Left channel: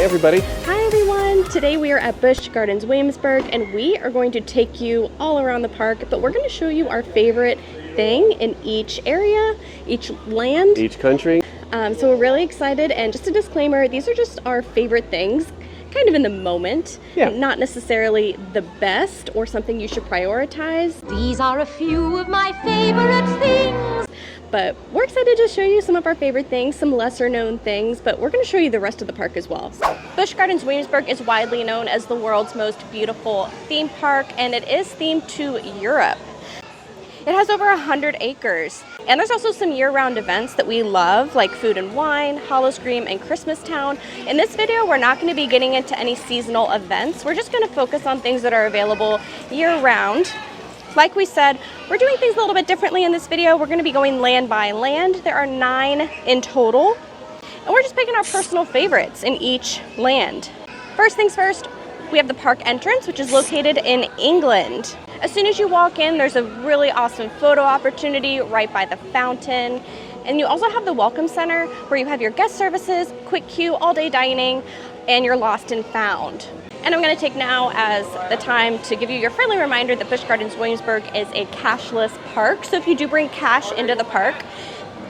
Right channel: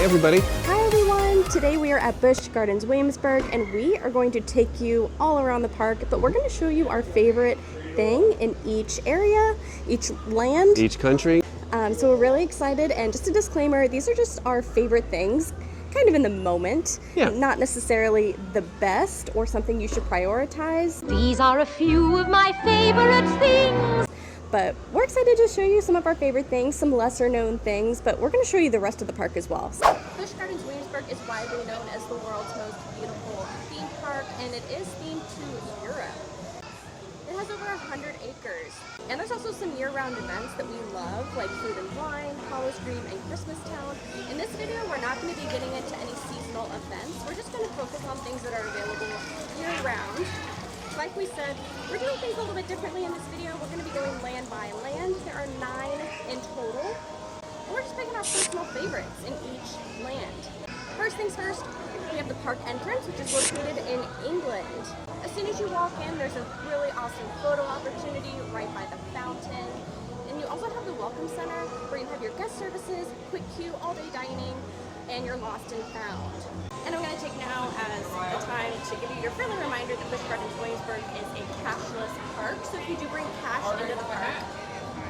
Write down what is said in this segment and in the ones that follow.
Hey everybody. Hi everyone. Today we are at Busch Gardens Williamsburg and we are going to take you all around the park, but we're going to show you our favorite thing in each area, each land. Each country. So we're really excited, and just a disclaimer, these are just our favorite things, kind of in the moment, not necessarily the best or something you should prioritize. These are a few of my favorite things. But we're excited to show you some of our favorite things, some lesser known things, but we're going to show you the rest of the park as well. Busch Gardens Williamsburg is widely known as the world's most beautiful theme park, and it is themed to Europe. It has over 100 acres, and there's also some year-round events that we love, like Food and Wine, Howl-O-Scream, and Christmas Town. In this video, we're not going to be getting into any seasonal events. We're just going to focus on things that are available year-round. Like we said, we're doing things a little bit differently in this video. We're going to be going land by land. There are 9 in total, and we're just picking our personal favorites in each land. First things first, we have the park entrance, which is located in England. As soon as you walk in, there's a really awesome photo opportunity right by the fountain. And you also have the Welcome Center, where you have your guest services, quick queue, all-day dining, and your lost and found. And I'm going to take now as the time to give you your friendly reminder that Busch Gardens Williamsburg is a cashless park. So if you do bring cash into the park,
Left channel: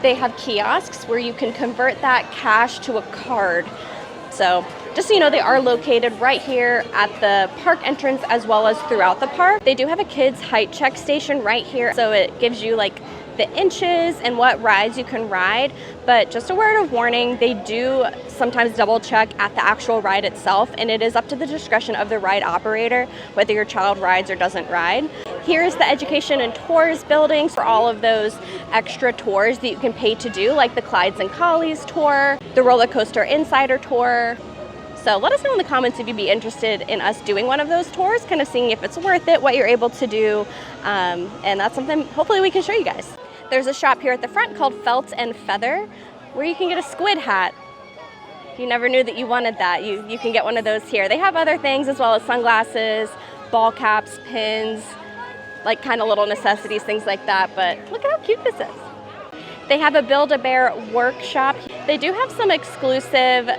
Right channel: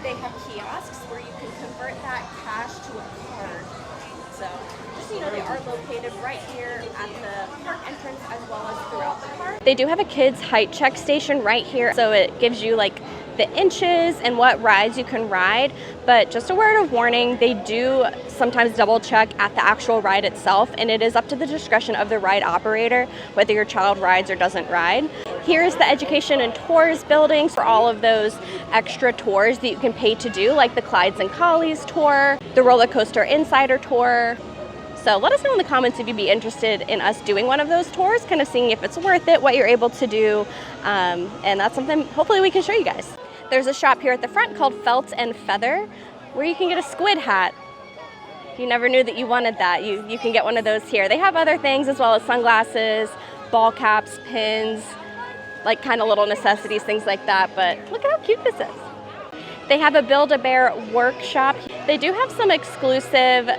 they have kiosks where you can convert that cash to a card. So just so you know, they are located right here at the park entrance as well as throughout the park. They do have a kids height check station right here, so it gives you like the inches and what rides you can ride. But just a word of warning, they do sometimes double check at the actual ride itself, and it is up to the discretion of the ride operator whether your child rides or doesn't ride. Here's the education and tours building for all of those extra tours that you can pay to do, like the Clydes and Collies tour, the roller coaster insider tour. So let us know in the comments if you'd be interested in us doing one of those tours, kind of seeing if it's worth it, what you're able to do, and that's something hopefully we can show you guys. There's a shop here at the front called Felt and Feather, where you can get a squid hat. If you never knew that you wanted that, you can get one of those here. They have other things as well as sunglasses, ball caps, pins, like kind of little necessities, things like that, but look at how cute this is. They have a Build-A-Bear workshop. They do have some exclusive.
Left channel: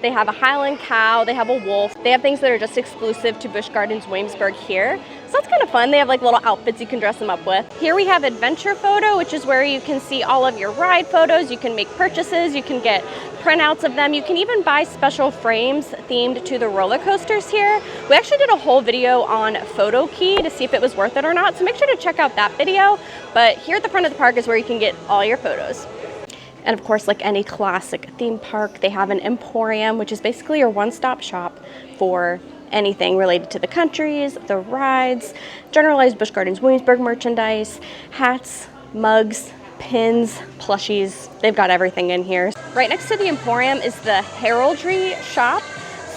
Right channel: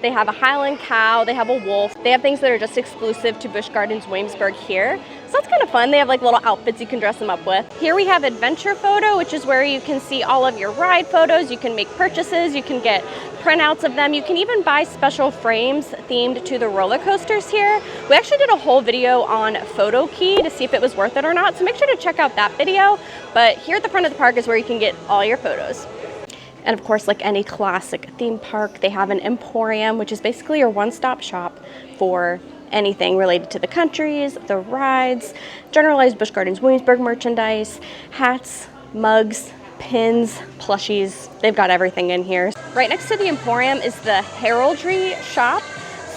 They have a Highland cow, they have a wolf. They have things that are just exclusive to Busch Gardens Williamsburg here. So that's kind of fun. They have like little outfits you can dress them up with. Here we have Adventure Photo, which is where you can see all of your ride photos. You can make purchases, you can get printouts of them. You can even buy special frames themed to the roller coasters here. We actually did a whole video on Photo Key to see if it was worth it or not. So make sure to check out that video. But here at the front of the park is where you can get all your photos. And of course, like any classic theme park, they have an emporium, which is basically your one-stop shop for anything related to the countries, the rides, generalized Busch Gardens Williamsburg merchandise, hats, mugs, pins, plushies. They've got everything in here. Right next to the emporium is the heraldry shop.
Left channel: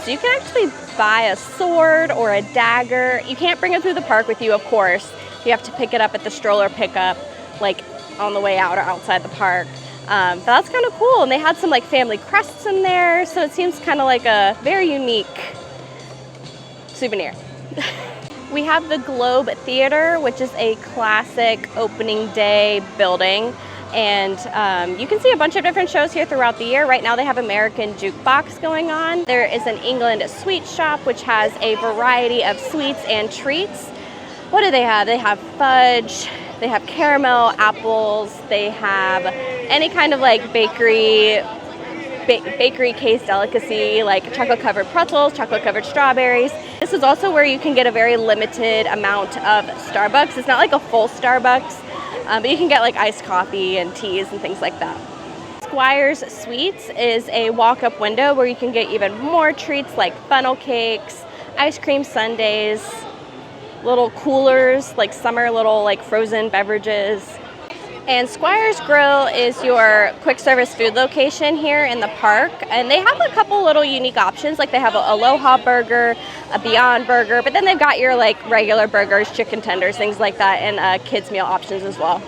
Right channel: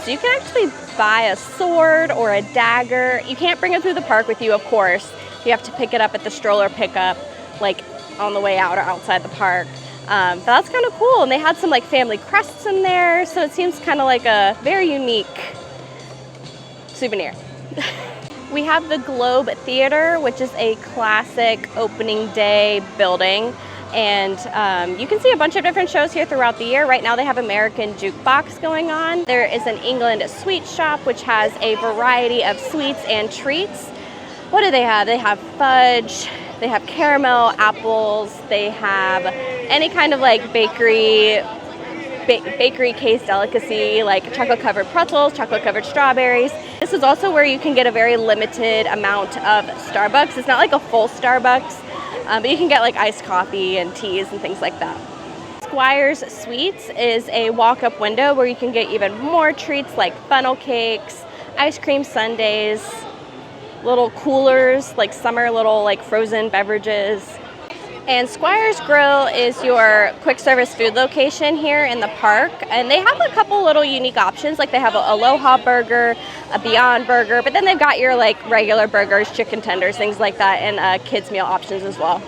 So you can actually buy a sword or a dagger. You can't bring it through the park with you, of course. You have to pick it up at the stroller pickup, like on the way out or outside the park. But that's kind of cool, and they had some like family crests in there, so it seems kind of like a very unique souvenir. We have the Globe Theater, which is a classic opening day building, and you can see a bunch of different shows here throughout the year. Right now they have American Jukebox going on. There is an England sweet shop, which has a variety of sweets and treats. What do they have? They have fudge, they have caramel, apples, they have any kind of like bakery case delicacy, like chocolate covered pretzels, chocolate covered strawberries. This is also where you can get a very limited amount of Starbucks. It's not like a full Starbucks, but you can get like iced coffee and teas and things like that. Squire's Sweets is a walk-up window where you can get even more treats like funnel cakes, ice cream sundaes, little coolers, like summer little like frozen beverages. And Squire's Grill is your quick service food location here in the park, and they have a couple little unique options, like they have an Aloha burger, a Beyond burger, but then they've got your like regular burgers, chicken tenders, things like that, and kids meal options as well.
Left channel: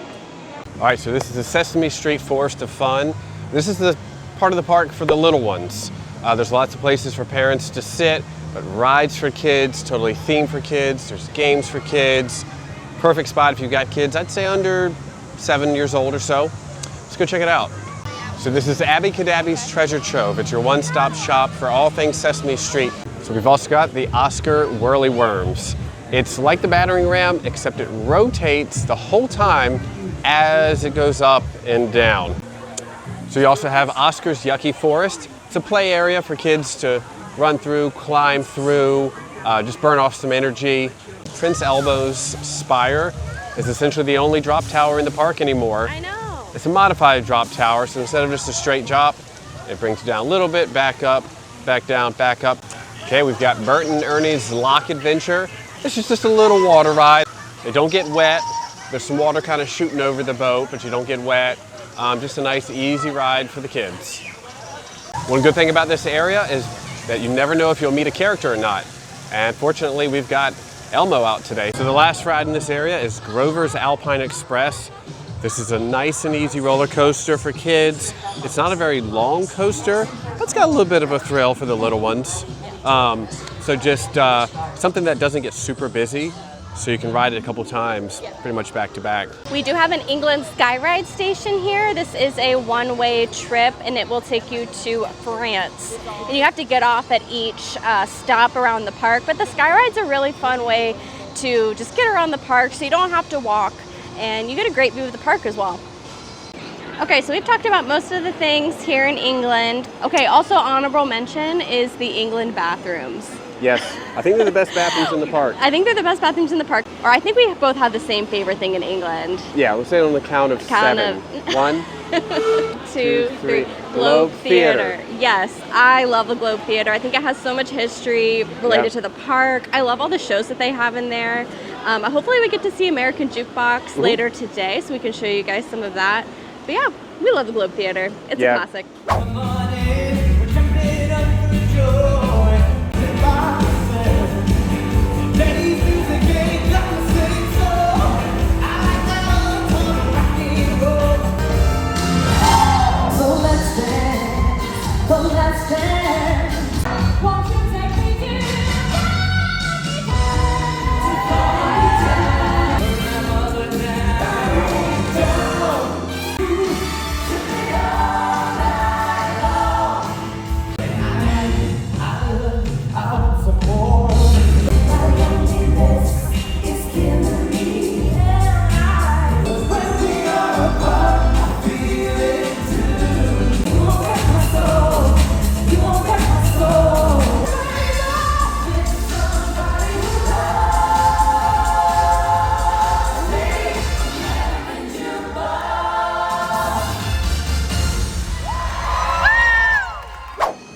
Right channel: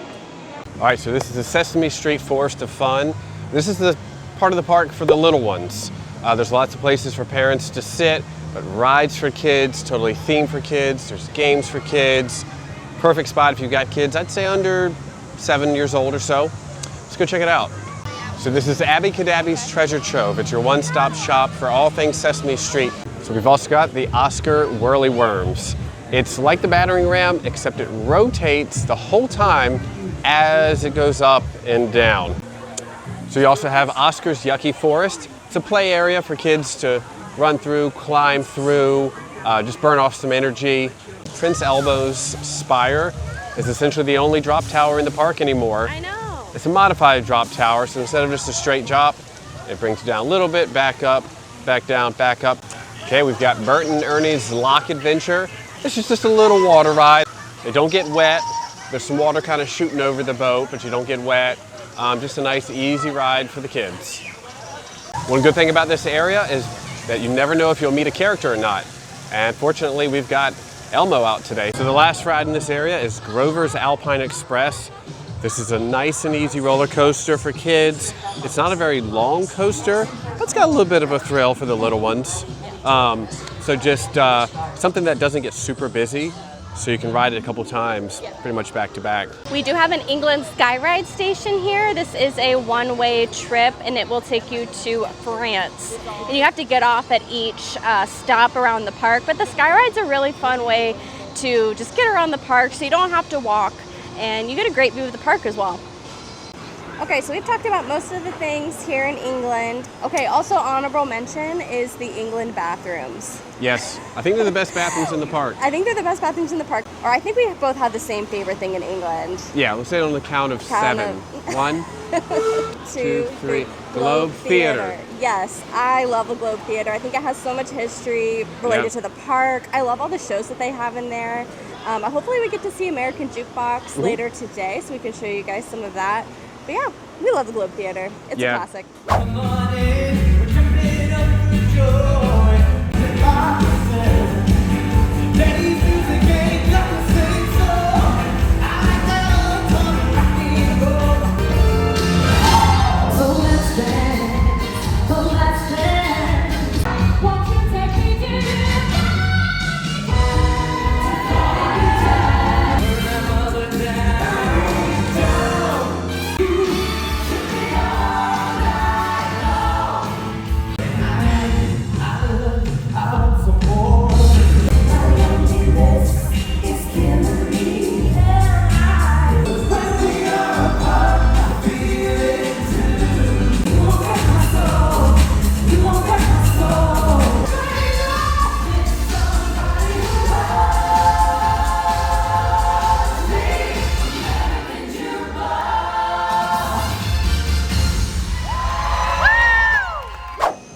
All right, so this is the Sesame Street Forest of Fun. This is the part of the park for the little ones. There's lots of places for parents to sit, but rides for kids, totally themed for kids. There's games for kids. Perfect spot if you've got kids, I'd say under 7 years old or so. Let's go check it out. So this is Abby Cadabby's Treasure Trove. It's your one-stop shop for all things Sesame Street. So we've also got the Oscar Whirly Worms. It's like the battering ram, except it rotates the whole time as it goes up and down. So you also have Oscar's Yucky Forest. It's a play area for kids to run through, climb through, just burn off some energy. Prince Elbo's Spire is essentially the only drop tower in the park anymore. I know. It's a modified drop tower, so instead of just a straight drop, it brings you down a little bit, back up, back down, back up. Okay, we've got Bert and Ernie's Lock Adventure. This is just a little water ride. They don't get wet. There's some water kind of shooting over the boat, but you don't get wet. Just a nice, easy ride for the kids. One good thing about this area is that you never know if you'll meet a character or not. And fortunately, we've got Elmo out today. So the last ride in this area is Grover's Alpine Express. This is a nice and easy roller coaster for kids. It's not a very long coaster, but it's got a little bit of a thrill for the little ones. So just something that doesn't get super busy, so you can ride it a couple times, pretty much back to back. We do have an England Skyride station here. This is a one-way trip, and it will take you to France. And you have to get off at each stop around the park, but the Skyride's a really fun way to just get around the park, so you don't have to walk. And you get a great view of the park as well. Okay, so we've talked about most of the things here in England. Okay, also honorable mention is the England bathrooms. Yes, I think they're the best bathrooms in the park. I think they're the best bathrooms in the park. Or I think we both have the same favorite thing in England. Yeah, let's say it on the count of seven. One, 2, 3. Globe Theatre. Yes, I love the Globe Theatre. I think it has so much history related to the park. I love all the shows that they have in there. Hopefully we get to see American Jukebox later today, so we can show you guys some of that. But yeah, we love the Globe Theatre. It's a classic.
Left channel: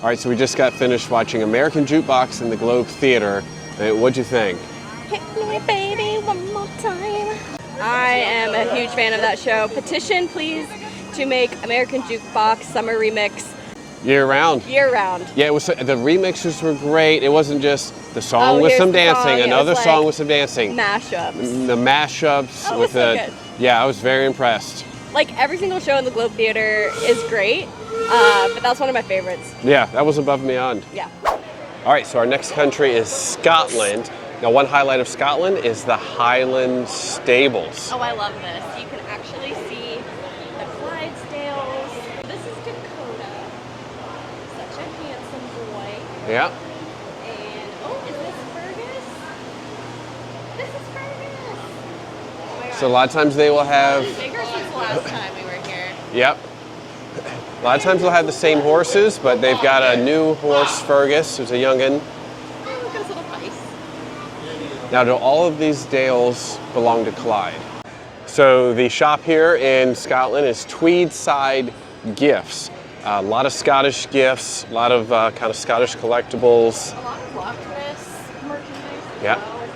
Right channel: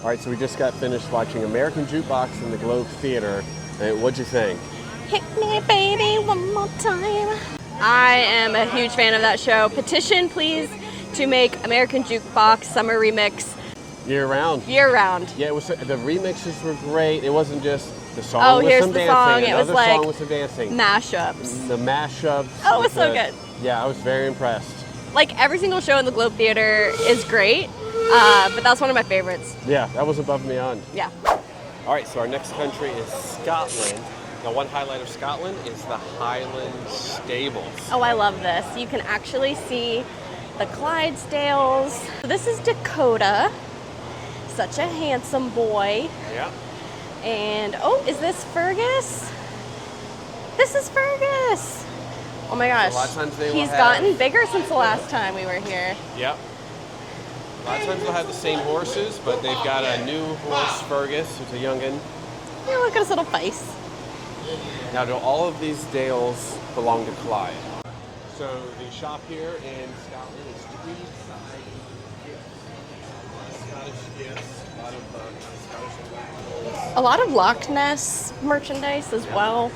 All right, so we just got finished watching American Jukebox in the Globe Theatre. What'd you think? Hit me, baby, one more time. I am a huge fan of that show. Petition, please, to make American Jukebox Summer Remix Year round. year round. Yeah, it was. The remixes were great. It wasn't just the song with some dancing, another song with some dancing. Mashups. The mashups. Oh, it was so good. Yeah, I was very impressed. Like every single show in the Globe Theatre is great, but that's one of my favorites. Yeah, that was above and beyond. Yeah. All right, so our next country is Scotland. Now, one highlight of Scotland is the Highland Stables. Oh, I love this. You can actually see the Clydesdales. This is Dakota. Such a handsome boy. Yeah. And, oh, is this Fergus? This is Fergus. Oh my gosh. So a lot of times they will He's have... gotten bigger since the last time we were here. Yep. A lot of times they'll have the same horses, but they've got a new horse, Fergus, who's a youngin'. Oh, look at his little face. Now, do all of these dales belong to Clyde? So the shop here in Scotland is Tweedside Gifts. A lot of Scottish gifts, a lot of kind of Scottish collectibles. A lot of Loch Ness merchandise as well.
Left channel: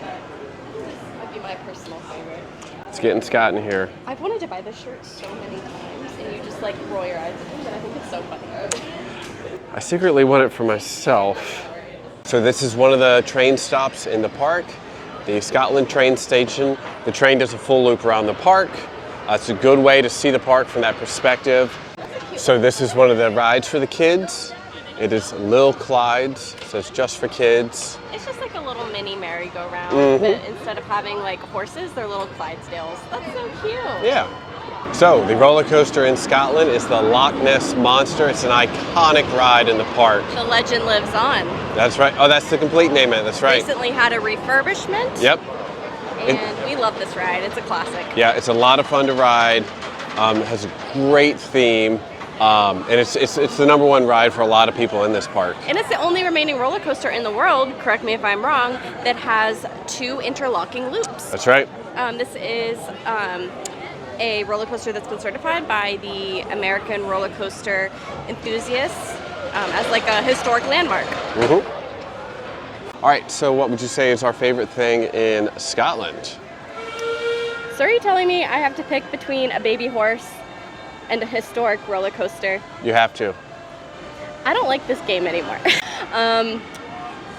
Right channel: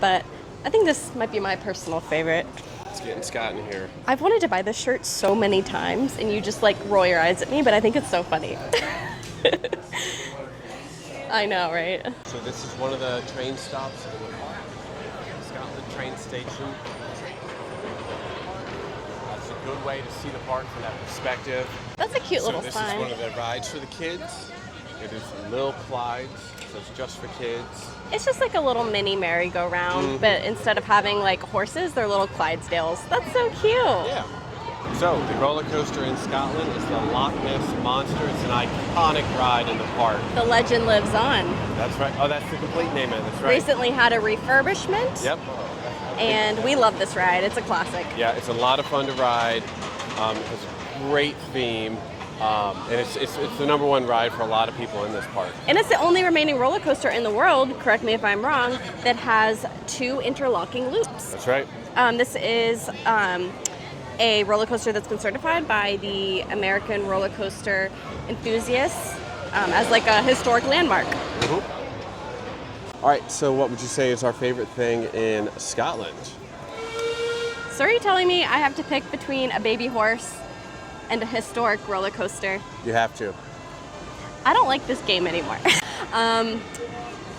But I think this might be my personal favorite. It's getting Scott in here. I've wanted to buy this shirt so many times, and you just like roll your eyes at me, but I think it's so funny. I secretly want it for myself. I know, right? So this is one of the train stops in the park, the Scotland train station. The train does a full loop around the park. It's a good way to see the park from that perspective. That's a cute So little this sign. is one of the rides for the kids. It is Lil Clyde's, so it's just for kids. It's just like a little mini merry-go-round, but instead of having like horses, they're little Clydesdales. That's so cute. Yeah. So, the roller coaster in Scotland is the Loch Ness Monster. It's an iconic ride in the park. The legend lives on. That's right. Oh, that's the complete name of it. That's right. Recently had a refurbishment. Yep. And we love this ride. It's a classic. Yeah, it's a lot of fun to ride. It has a great theme. And it's the #1 ride for a lot of people in this park. And it's the only remaining roller coaster in the world, correct me if I'm wrong, that has 2 interlocking loops. That's right. This is a roller coaster that's been certified by the American Roller Coaster Enthusiasts as like a historic landmark. All right, so what would you say is our favorite thing in Scotland? So are you telling me I have to pick between a baby horse and a historic roller coaster? You have to. I don't like this game anymore.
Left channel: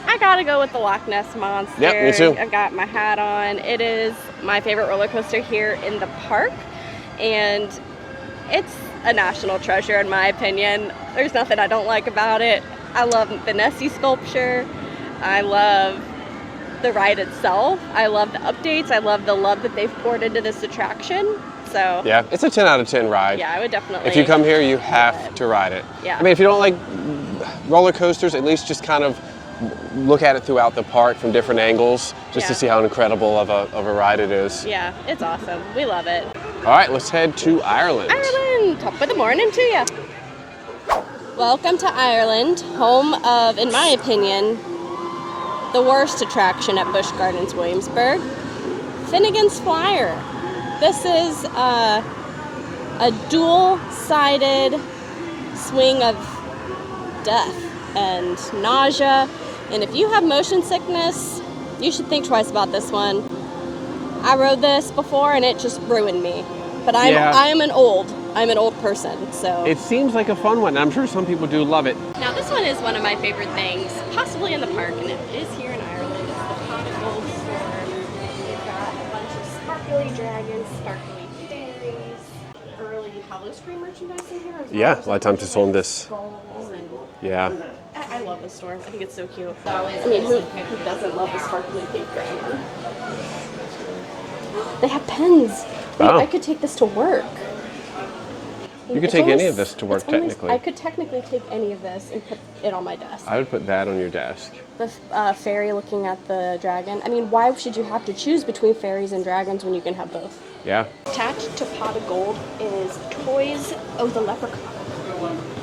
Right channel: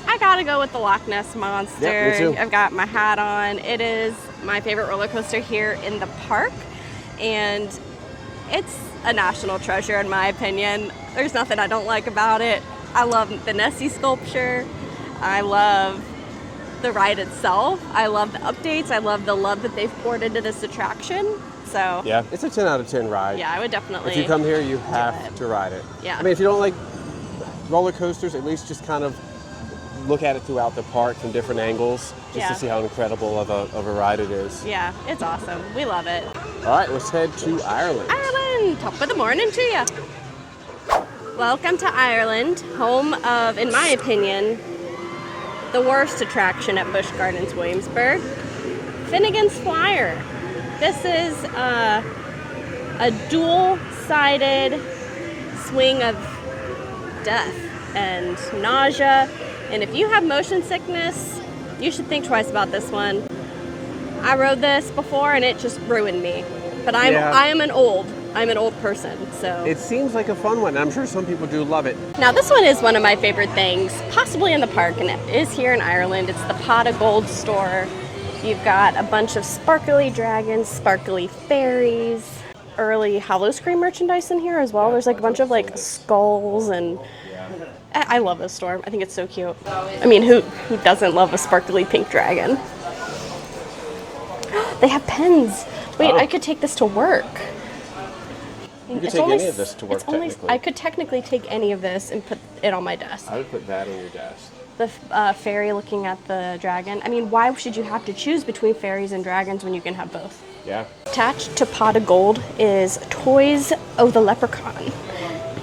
I gotta go with the Loch Ness Monster. Yep, me too. I've got my hat on. It is my favorite roller coaster here in the park, and it's a national treasure in my opinion. There's nothing I don't like about it. I love the Nessie sculpture. I love the ride itself. I love the updates. I love the love that they've poured into this attraction. So Yeah, it's a 10 out of 10 ride. yeah, I would definitely. If you come here, you have to ride it. Yeah. I mean, if you don't like roller coasters, at least just kind of look at it throughout the park from different angles, just to Yeah. see how incredible of a ride it is. Yeah, it's awesome. We love it. All right, let's head to Ireland. Ireland, top of the morning to you. Welcome to Ireland, home of, in my opinion, the worst attraction at Busch Gardens Williamsburg, Finnegan's Flyer. This is a dual-sided swing of death and nausea. And if you have motion sickness, you should think twice about this one. I rode this before and it just ruined me. But I'm an old person, so. It seems like a fun one, and I'm sure some people do love it. Now this one is one of my favorite things, possibly in the park, and it is here in Ireland. It's the Pot of Gold store. You've got a bunch of sparkly dragons, sparkly fairies, early Hollowscream merchandise in here as well. Yeah, There's a like lot a bunch of of times it's on like this. skulls and Yeah. I love this store. I think it's so cute. I mean, who doesn't love a sparkly pink dragon? They have pens. Wait, Oh. I could take this to work. You could It's take only any of this to work, it's only- technically. I could technically take any of this and put it on my desk. I would put that on your desk. The fairy looking at the dragon. I mean, why should you have to choose between fairies and dragons when you can have both? Yeah. Attached to Pot of Gold is Toys of the Leprechaun.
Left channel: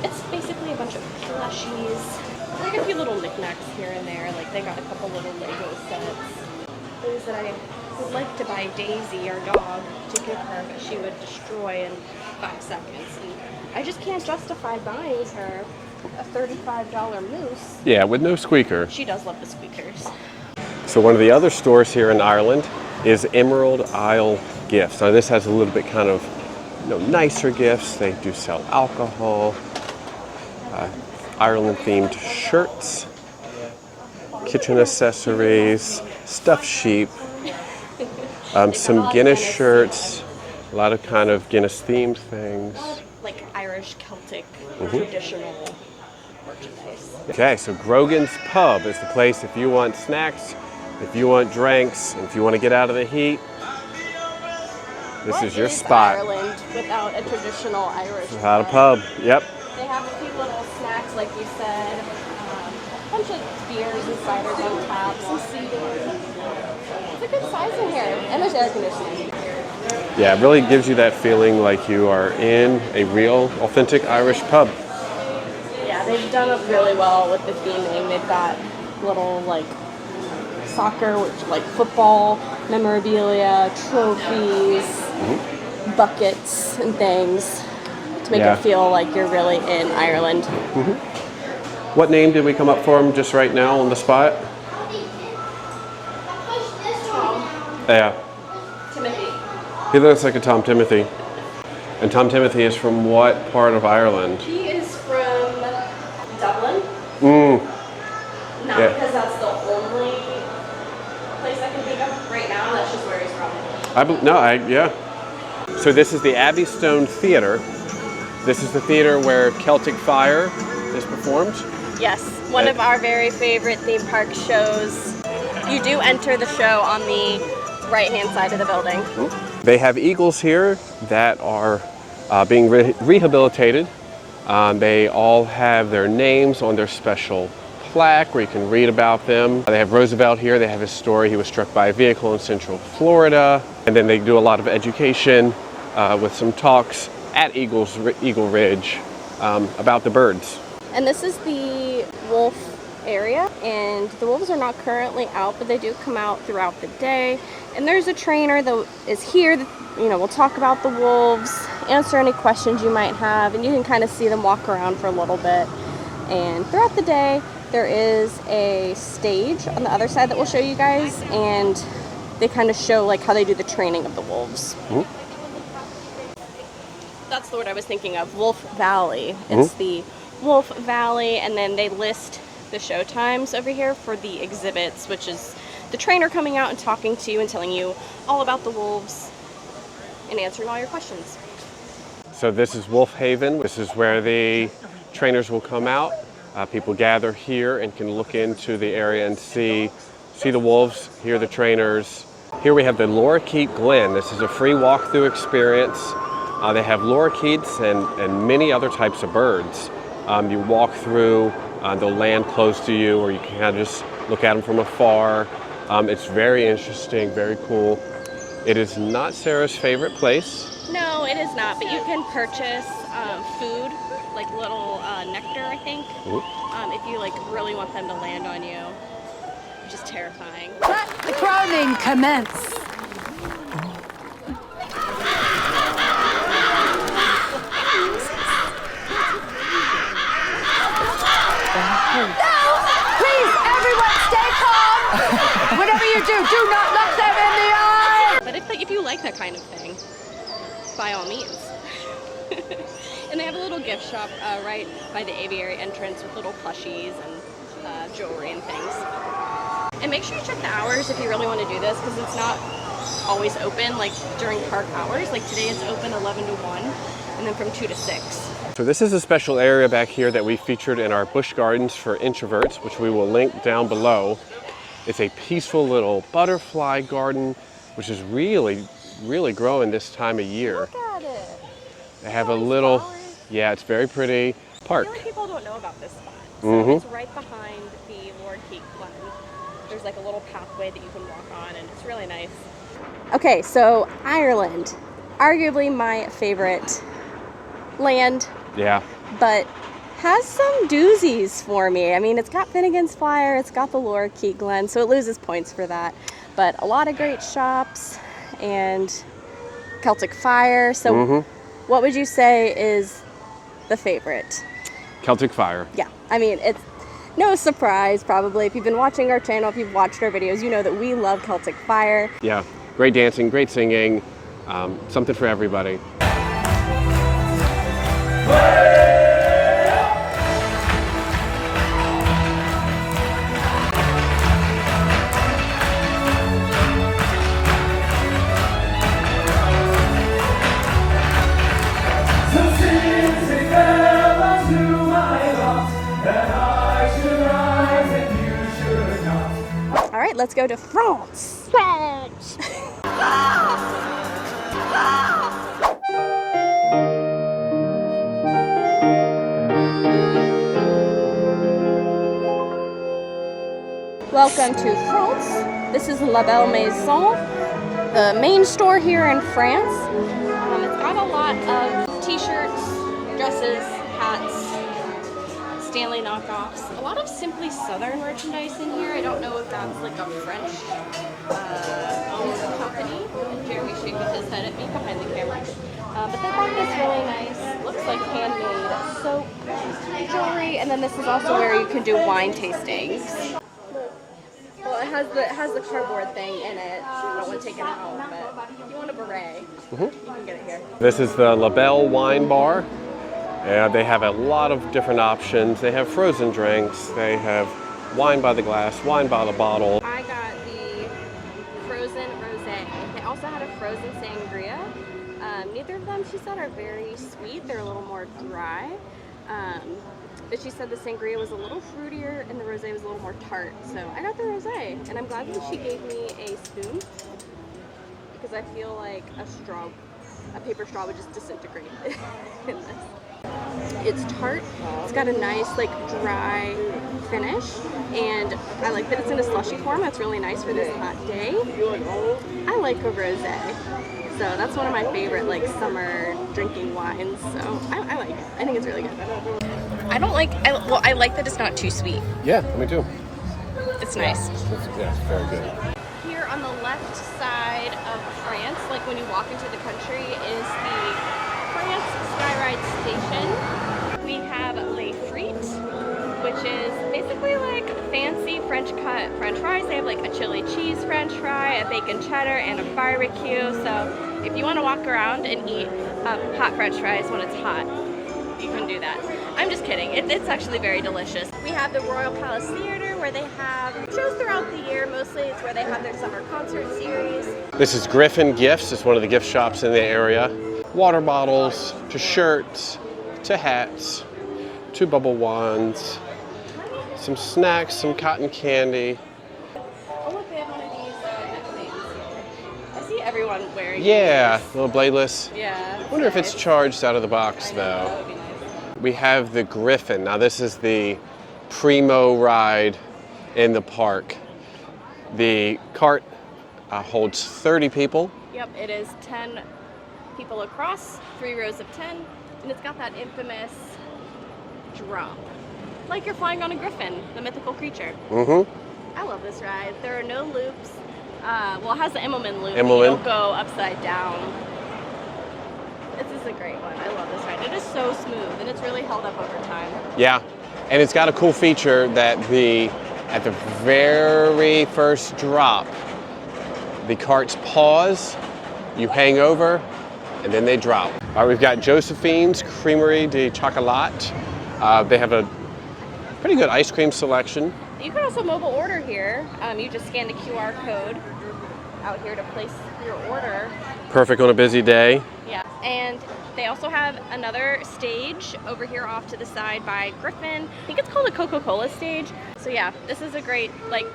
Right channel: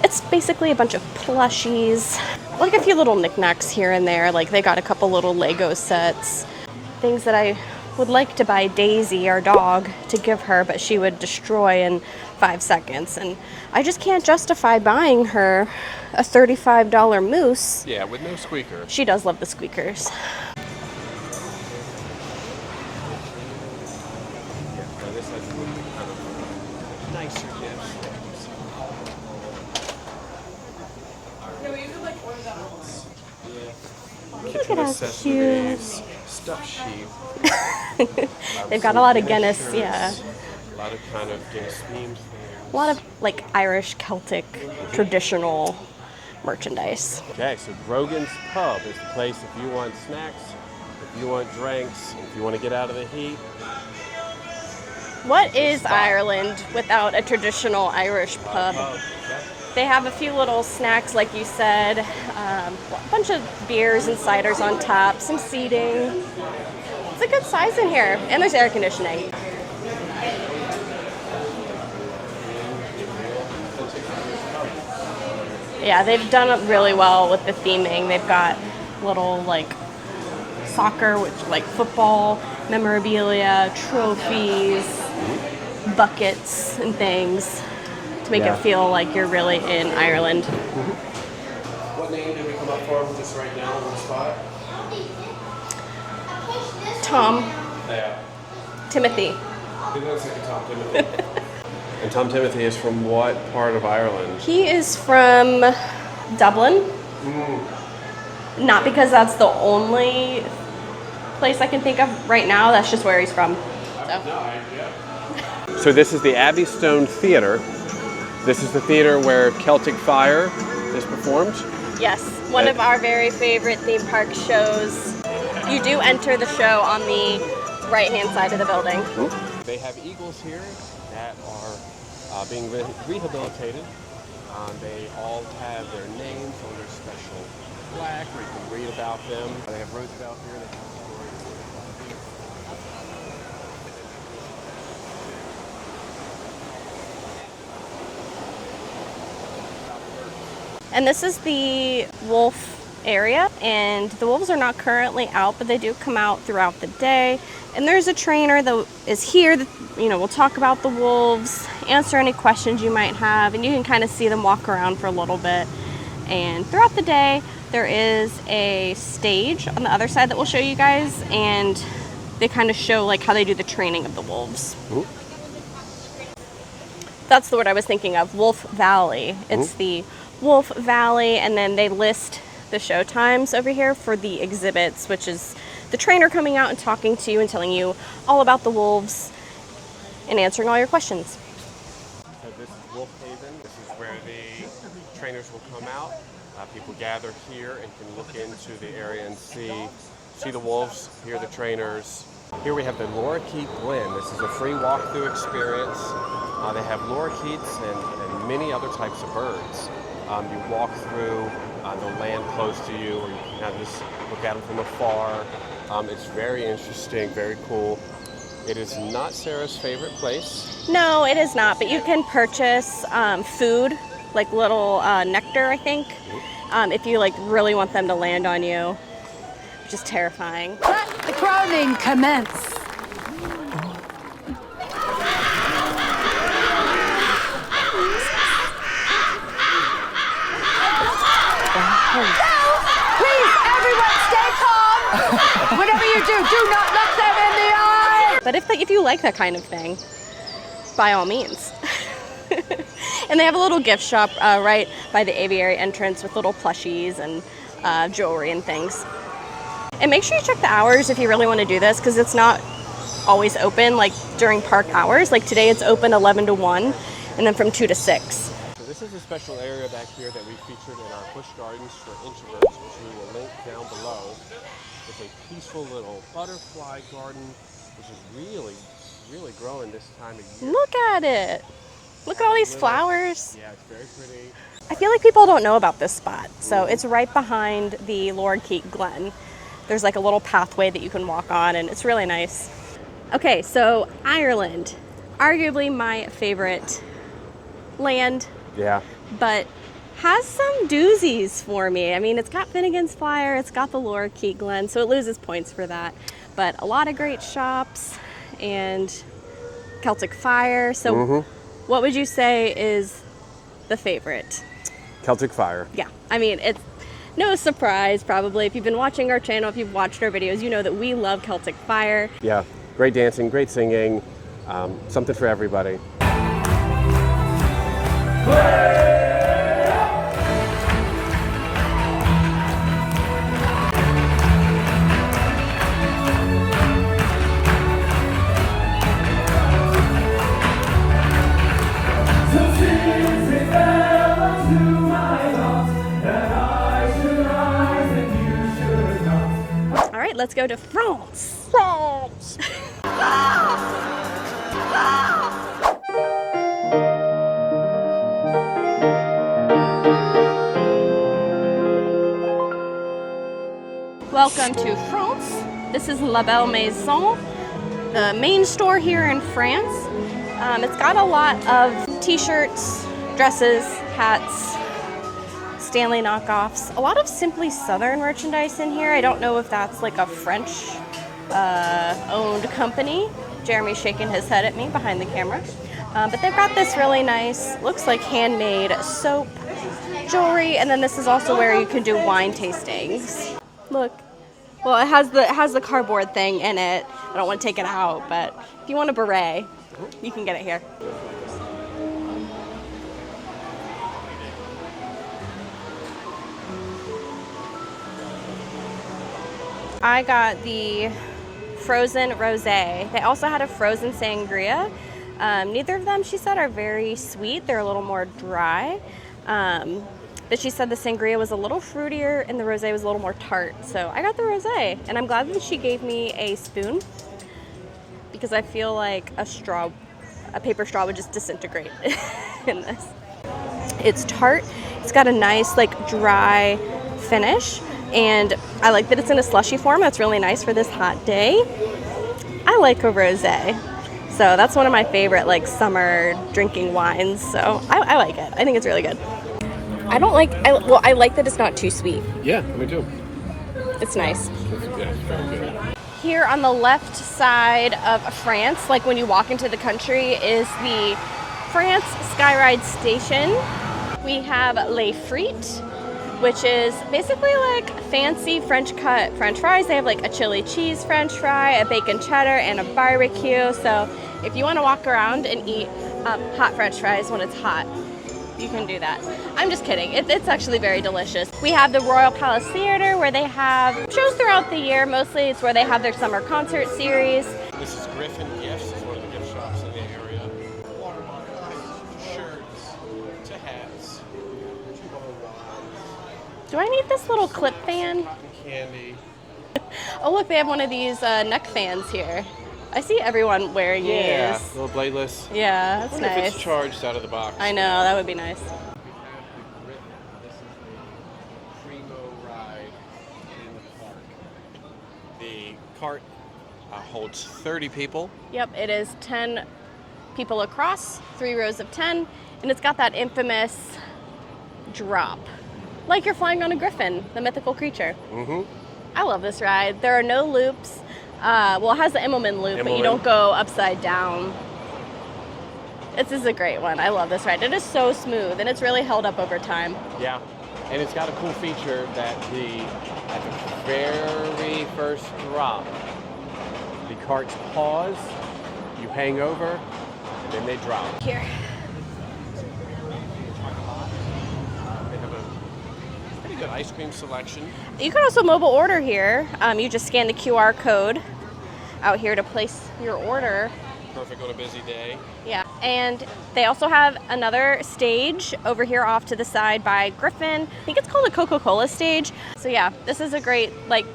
It's basically a bunch of plushies, like a few little knickknacks here and there. Like they got a couple little Lego sets, things that I would like to buy Daisy, our dog, to give her, but she would destroy in 5 seconds. And I just can't justify buying her a $35 moose. Yeah, with no squeaker. She does love the squeakers. So one of the other stores here in Ireland is Emerald Isle Gifts. Now this has a little bit kind of nicer gifts. They do sell alcohol, Ireland-themed shirts, kitchen accessories, stuffed sheep, They've got some a lot of Guinness shirts, yeah. a lot of kind of Guinness-themed things. A lot of like Irish, Celtic, traditional merchandise. Okay, so Grogan's Pub is the place if you want snacks, if you want drinks, if you want to get out of the heat. This What is your is spot. Ireland without a traditional Irish Without a pub. Yep. They have a few little snacks, like you said, a bunch of beers and ciders on top, some seating. It's a good size in here, and there's air conditioning. Yeah, it really gives you that feeling like you are in a real, authentic Irish pub. Yeah, they've done it really well with the theming. They've got little like soccer, like football memorabilia, trophies, buckets, and things to make Yeah. it feel like you're really in Ireland. What name did we come up for him just right now on the spot? Tom, Yeah, Timothy. he looks like a Tom Timothy. And Tom Timothy is from what part of Ireland? He is from Dublin. Not Yeah. because that's the only place I can think of right now. That's just where he's from. Yeah. So this is the Abbey Stone Theatre. This is the theater where Celtic Fire is performed. Yes, one of our very favorite theme park shows. You do enter the show on the right-hand side of the building. They have eagles here that are being rehabilitated. They all have their names on their special plaque where you can read about them. They have Roosevelt here. They have his story. He was struck by a vehicle in Central Florida. And then they do a lot of education with some talks at Eagle Ridge about the birds. And this is the wolf area, and the wolves are not currently out, but they do come out throughout the day. And there's a trainer that is here that, will talk about the wolves, answer any questions you might have, and you can kind of see them walk around for a little bit. And throughout the day, there is a stage on the other side that we'll show you guys, and they kind of show like how they do the training of the wolves. Mm-hmm. That's the word I was thinking of, Wolf Valley. It's the Wolf Valley, and then they list the show times over here for the exhibits, which is the trainer coming out and talking to you and telling you all about the wolves and answering all your questions. So this is Wolf Haven. This is where the trainers will come out. People gather here and can look into the area and see the wolves, hear the trainers. Here we have the lorikeet Glen. This is a free walkthrough experience. They have lorikeets and many other types of birds. You walk through, they'll land close to you, or you can kind of just look at them from afar. It's very interesting, very cool. It is not Sarah's favorite place. No, it is not, but you can purchase food, like little nectar, I think, if you really want them to land on you, which is terrifying. Let the crowning commence. Please, everyone, stay calm. Whatever you do not look them in the eye. But if you like that kind of thing, by all means. And they have a little gift shop right by the aviary entrance with little plushies and jewelry and things. And make sure you check the hours if you really want to do this, because it's not always open during park hours. Like today it's open 11 to 1 and then from 2 to 6. So this is a special area back here that we featured in our Busch Gardens for Introverts, which we will link down below. It's a peaceful little butterfly garden, which is really, really growing this time of year. Look at it. They Look have at all a these little, flowers. Yeah, it's very pretty park. I feel like people don't know about this spot. So it's right behind the lorikeet Glen. There's a little pathway that you can walk on, and it's really nice. Okay, so Ireland, arguably my favorite land. Yeah. But has some doozies for me. I mean, it's got Finnegan's Fire, it's got the lorikeet Glen, so it loses points for that. But a lot of great shops and Celtic Fire. So what would you say is the favorite? Celtic Fire. Yeah, I mean, it's no surprise probably. If you've been watching our channel, if you've watched our videos, you know that we love Celtic Fire. Yeah, great dancing, great singing, something for everybody. All right, let's go to France. France. Welcome to France. This is La Belle Maison, the main store here in France. It's got a lot of t-shirts, dresses, hats, Stanley knockoffs, a lot of Simply Southern merchandise in here. I don't know if that's a French owned company. Jeremy's shaking his head at me behind the camera. But they've got this really nice, looks like handmade soap, jewelry, and then this is also where you can do wine tastings. Look. Well, it has the cardboard thing in it. I don't want to take it out, but if you want a beret, you can get it here. This is the La Belle Wine Bar. They have a lot of different options. They have frozen drinks. They have wine by the glass, wine by the bottle. I got the frozen rosé. They also had a frozen sangria. Neither of them, she said, are very sweet. They're a little more dry. But she said the sangria was a little fruitier and the rosé was a little more tart. So I got the rosé, and I'm glad that she gave me a spoon because I feel like a paper straw would just disintegrate in this. It's tart. It's got a nice like dry finish, and I like that it's in a slushy form. That's really nice for this hot day. I like a rosé, so that's one of my favorite like summer drinking wines. So I like it. I think it's really good. I like that it's not too sweet. Yeah, me too. It's nice. Yeah, it's very good. Here on the left side of France, like when you walk into the country, is the France Skyride Station. We have Les Frites, which is basically like fancy French cut French fries. They have like a chili cheese French fry, a bacon cheddar, and a barbecue. So if you want to walk around and eat hot French fries when it's hot, you can do that. I'm just kidding. It's actually very delicious. We have the Royal Palace Theater, where they have shows throughout the year. Mostly it's where they have their summer concert series. This is Griffin Gifts. It's one of the gift shops in the area. Water bottles, to shirts, to hats, to bubble wands. Do I need this some little snacks, clip fan? some cotton candy. Oh look, they have one of these neck fans here. I see everyone wearing Yeah, these. little bladeless. Yeah, that's I wonder if nice. it's charged out of the box. I know, that would be nice. We have the Griffin. Now this is the primo ride in the park. The cart holds 30 people. Yep, it is 10 people across, 3 rows of 10, and it's got that infamous drop. Like you're flying on a griffin, the mythical creature. Mm-hmm. I love this ride. There are no loops. Well, it has the Immelman loop, but you Immelman. don't go upside down. This is a great one. I love this ride. It is so smooth, and it's really held up over time. Yeah, and it's got a cool feature that at the very first drop, the carts pause, you hang over, and then they drop. All right, we've got Josephine's Creamerie de Chocolat. They have a pretty good ice cream selection. You can also mobile order here. You just scan the QR code out here to place your order. Perfect on a busy day. Yeah, and they also have another stage over here off to the side by Griffin. I think it's called the Coca-Cola stage. So yeah, this is a great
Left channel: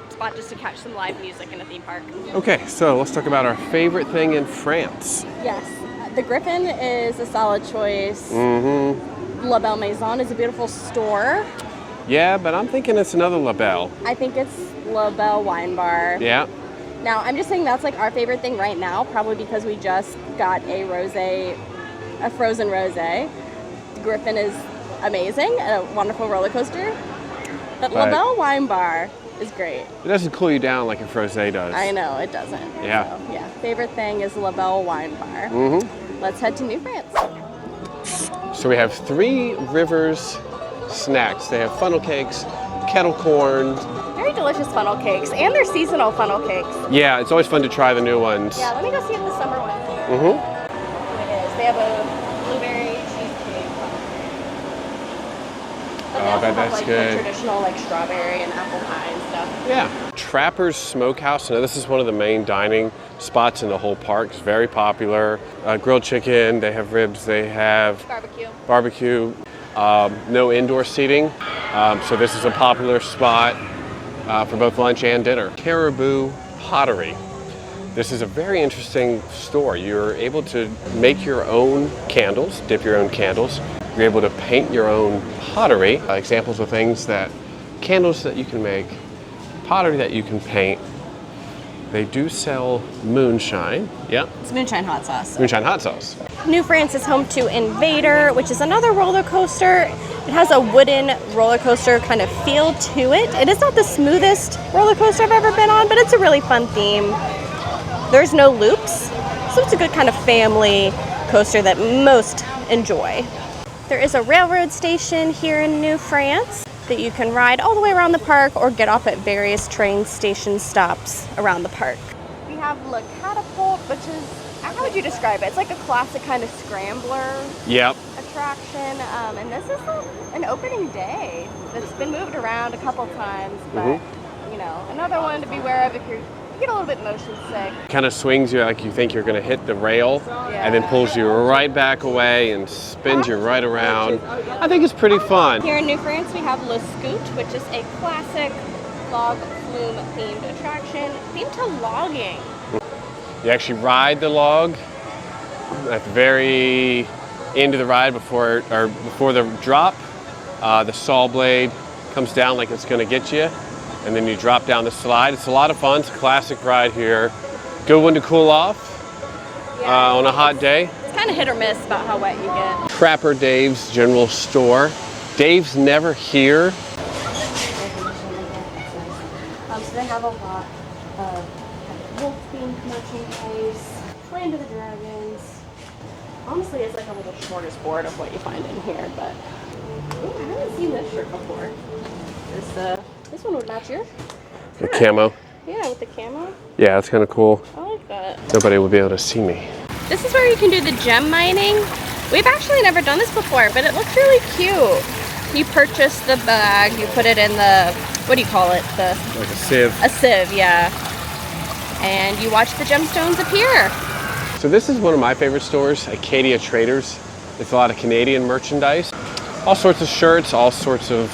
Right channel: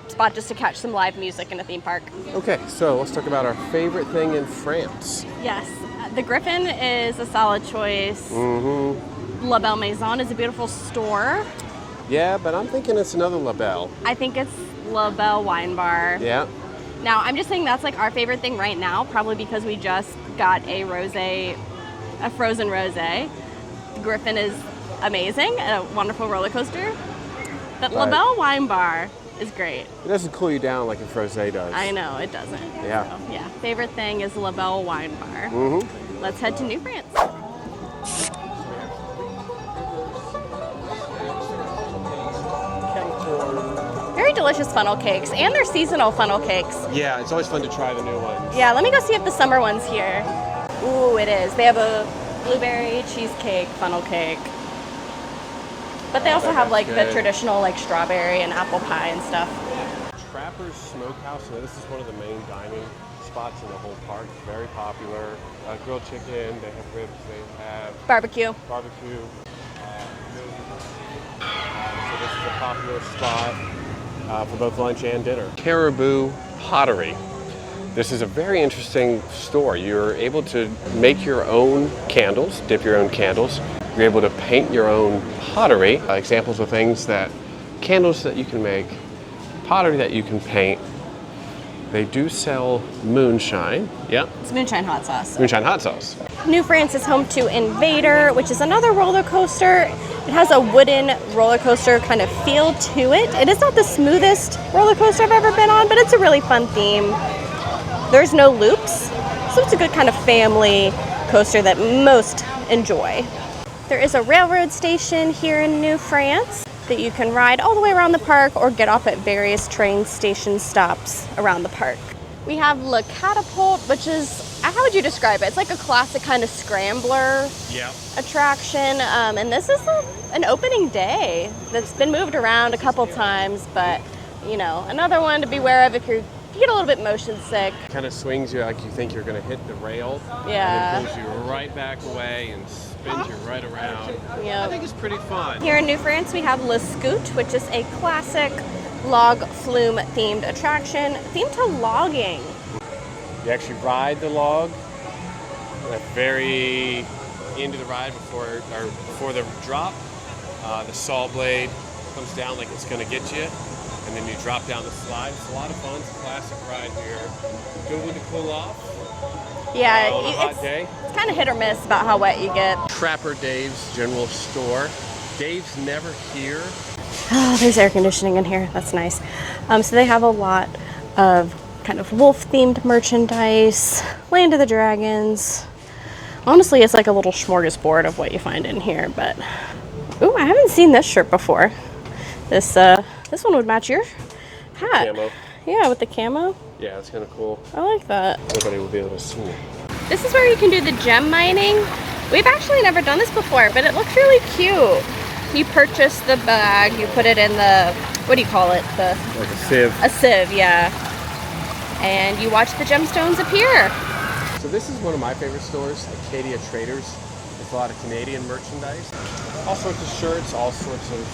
spot just to catch some live music in a theme park. Okay, so let's talk about our favorite thing in France. Yes, the Griffin is a solid choice. Mm-hmm. La Belle Maison is a beautiful store. Yeah, but I'm thinking it's another La Belle. I think it's La Belle Wine Bar. Yeah. Now, I'm just saying that's like our favorite thing right now, probably because we just got a frozen rosé. Griffin is amazing, a wonderful roller coaster. But La Right. Belle Wine Bar is great. It doesn't cool you down like a frosé does. I know, it doesn't. Yeah. So, yeah, favorite thing is La Belle Wine Bar. Mm-hmm. Let's head to New France. So we have 3 Rivers snacks. They have funnel cakes, kettle corn. Very delicious funnel cakes, and they're seasonal funnel cakes. Yeah, it's always fun to try the new ones. Yeah, let me go see if the summer one's here. Mm-hmm. Ooh, it is. They have a blueberry cheesecake funnel cake. But they Oh, also man, have that's the good. traditional strawberry and apple pie and stuff. Yeah. Trapper's Smokehouse. Now this is one of the main dining spots in the whole park. It's very popular. Grilled chicken, they have ribs, they have Barbecue. barbecue. No indoor seating. So this is a popular spot for both lunch and dinner. Caribou Pottery. This is a very interesting store. You're able to make your own candles, dip your own candles. You're able to paint your own pottery. Examples of candles that you can make, pottery that you can paint. They do sell moonshine. Yep, It's moonshine hot sauce. moonshine hot sauce. New France is home to Invader, which is another roller coaster. It has a wooden roller coaster kind of feel to it. It is not the smoothest roller coaster I've ever been on, but it's a really fun theme. There's no loops, so it's a good kind of family coaster that most enjoy. There is a railroad station here in New France that you can ride all the way around the park or get off at various train station stops around the park. We have Le Catapult, which is, how would you describe it? It's like a classic kind of scrambler Yep. attraction, and this is an opening day that's been moved around a couple times, but another one to be aware of if you get a little bit motion sick. Kind of swings you like you think you're going to hit the rail, and then Yeah. pulls you right back away and spins you right around. Yeah. I think it's pretty fun. Here in New France, we have Le Scoot, which is a classic log flume themed attraction themed to logging. You actually ride the log at the very end of the ride before the drop. The saw blade comes down like it's going to get you, and then you drop down the slide. It's a lot of fun. It's a classic ride here. Good one to cool off on a hot day. It's kind of hit or miss about how wet you get. Trapper Dave's General Store. Dave's never here. Oh, there's air conditioning in here. That's nice. So they have a lot of kind of wolf-themed merchandise, Land of the Dragons. Honestly, it's like a little smorgasbord of what you find in here. But ooh, I haven't seen this shirt before. This one would match your The hat. camo. Yeah, with the camo. Yeah, it's kind of cool. I like that. Nobody will be able to see me. This is where you can do the gem mining. We've actually never done this before, but it looks really cute. You purchase the bag, you put it in the, what do you call it? Like a sieve. A sieve, yeah. And you watch the gemstones appear. So this is one of my favorite stores, Acadia Traders. It's a lot of Canadian merchandise. All sorts of shirts, all sorts of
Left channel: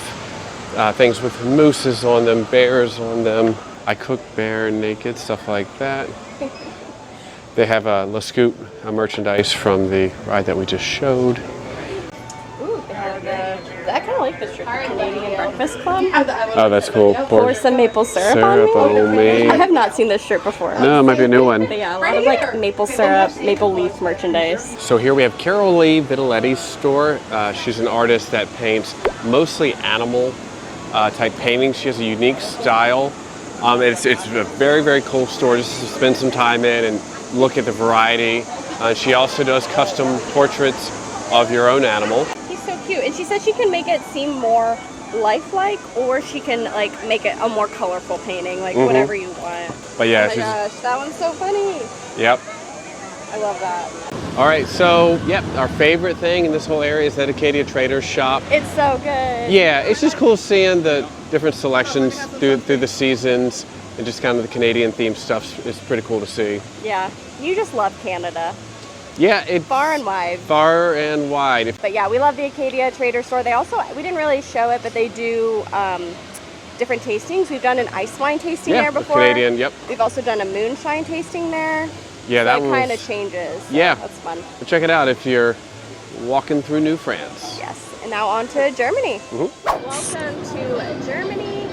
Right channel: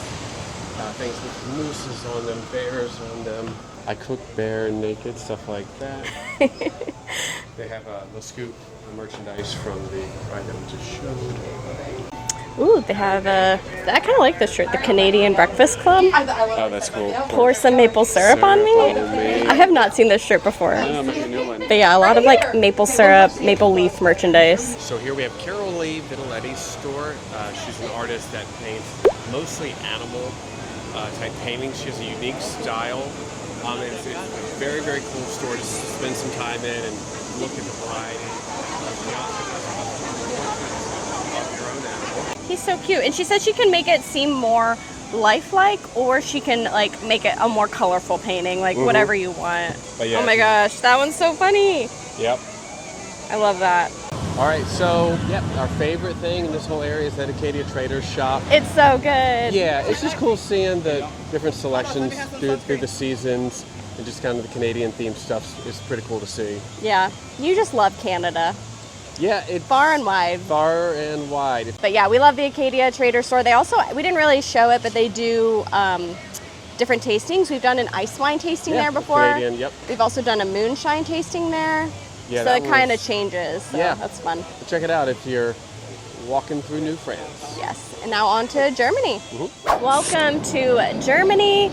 things with mooses on them, bears on them. I cook bear naked, stuff like that. They have Le Scoop merchandise from the ride that we just showed. Ooh, they have I kind of like this shirt, the Canadian Breakfast Club. Oh, that's cool. Pour some maple syrup on me. I me. have not seen this shirt before. No, it might be a new one. But yeah, a lot of like maple syrup, maple leaf merchandise. So here we have Carol Lee Vitaletti's store. She's an artist that paints mostly animal type paintings. She has a unique style. It's a very, very cool store just to spend some time in and look at the variety. She also does custom portraits of your own animal. He's so cute. And she said she can make it seem more lifelike, or she can like make it a more colorful painting, like whatever you want. But yeah, oh my gosh, that one's so funny. Yep. I love that. All right, so yep, our favorite thing in this whole area is that Acadia Traders shop. It's so good. Yeah, it's just cool seeing the different selections through the seasons and just kind of the Canadian themed stuff. It's pretty cool to see. Yeah, you just love Canada. Yeah, it's Far and wide. Far and wide. But yeah, we love the Acadia Trader Store. They also, we didn't really show it, but they do different tastings. We've done an ice wine tasting there before. Canadian, yep. We've also done a moonshine tasting there. Yeah, so that it kind of changes. So yeah. That's fun. Check it out if you're walking through New France. Yes. And now on to Germany. Welcome to Germany,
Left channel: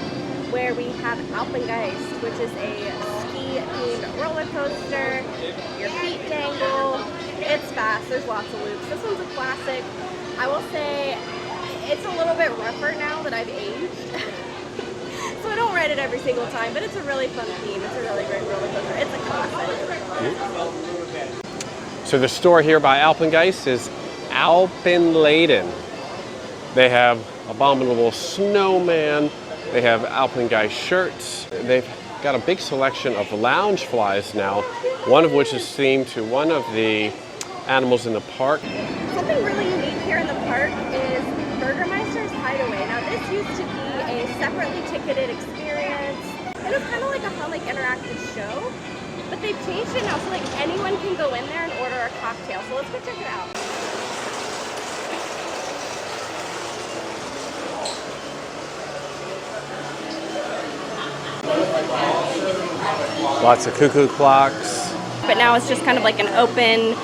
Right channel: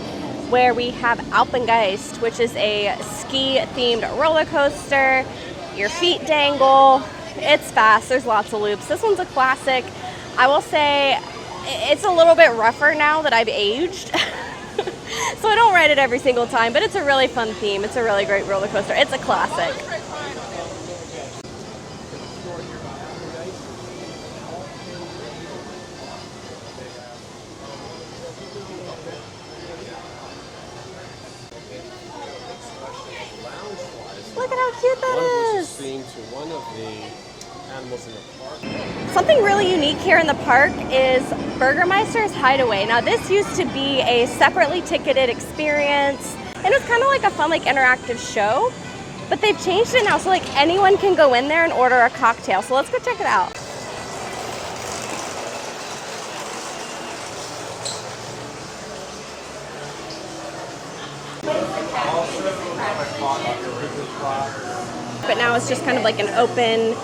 where we have Alpengeist, which is a ski-themed roller coaster. Your feet dangle. It's fast. There's lots of loops. This one's a classic. I will say it's a little bit rougher now that I've aged. So I don't ride it every single time, but it's a really fun theme. It's a really great roller coaster. It's a classic. So the store here by Alpengeist is Alpenladen. They have Abominable Snowman. They have Alpengeist shirts. They've got a big selection of lounge flies now, one of which is themed to one of the animals in the park. Something really unique here in the park is Burgermeister's Hideaway. Now this used to be a separately ticketed experience, and it's kind of like a fun, like interactive show, but they've changed it now, so like anyone can go in there and order a cocktail. So let's go check it out. Lots of cuckoo clocks. But now it's just kind of like an open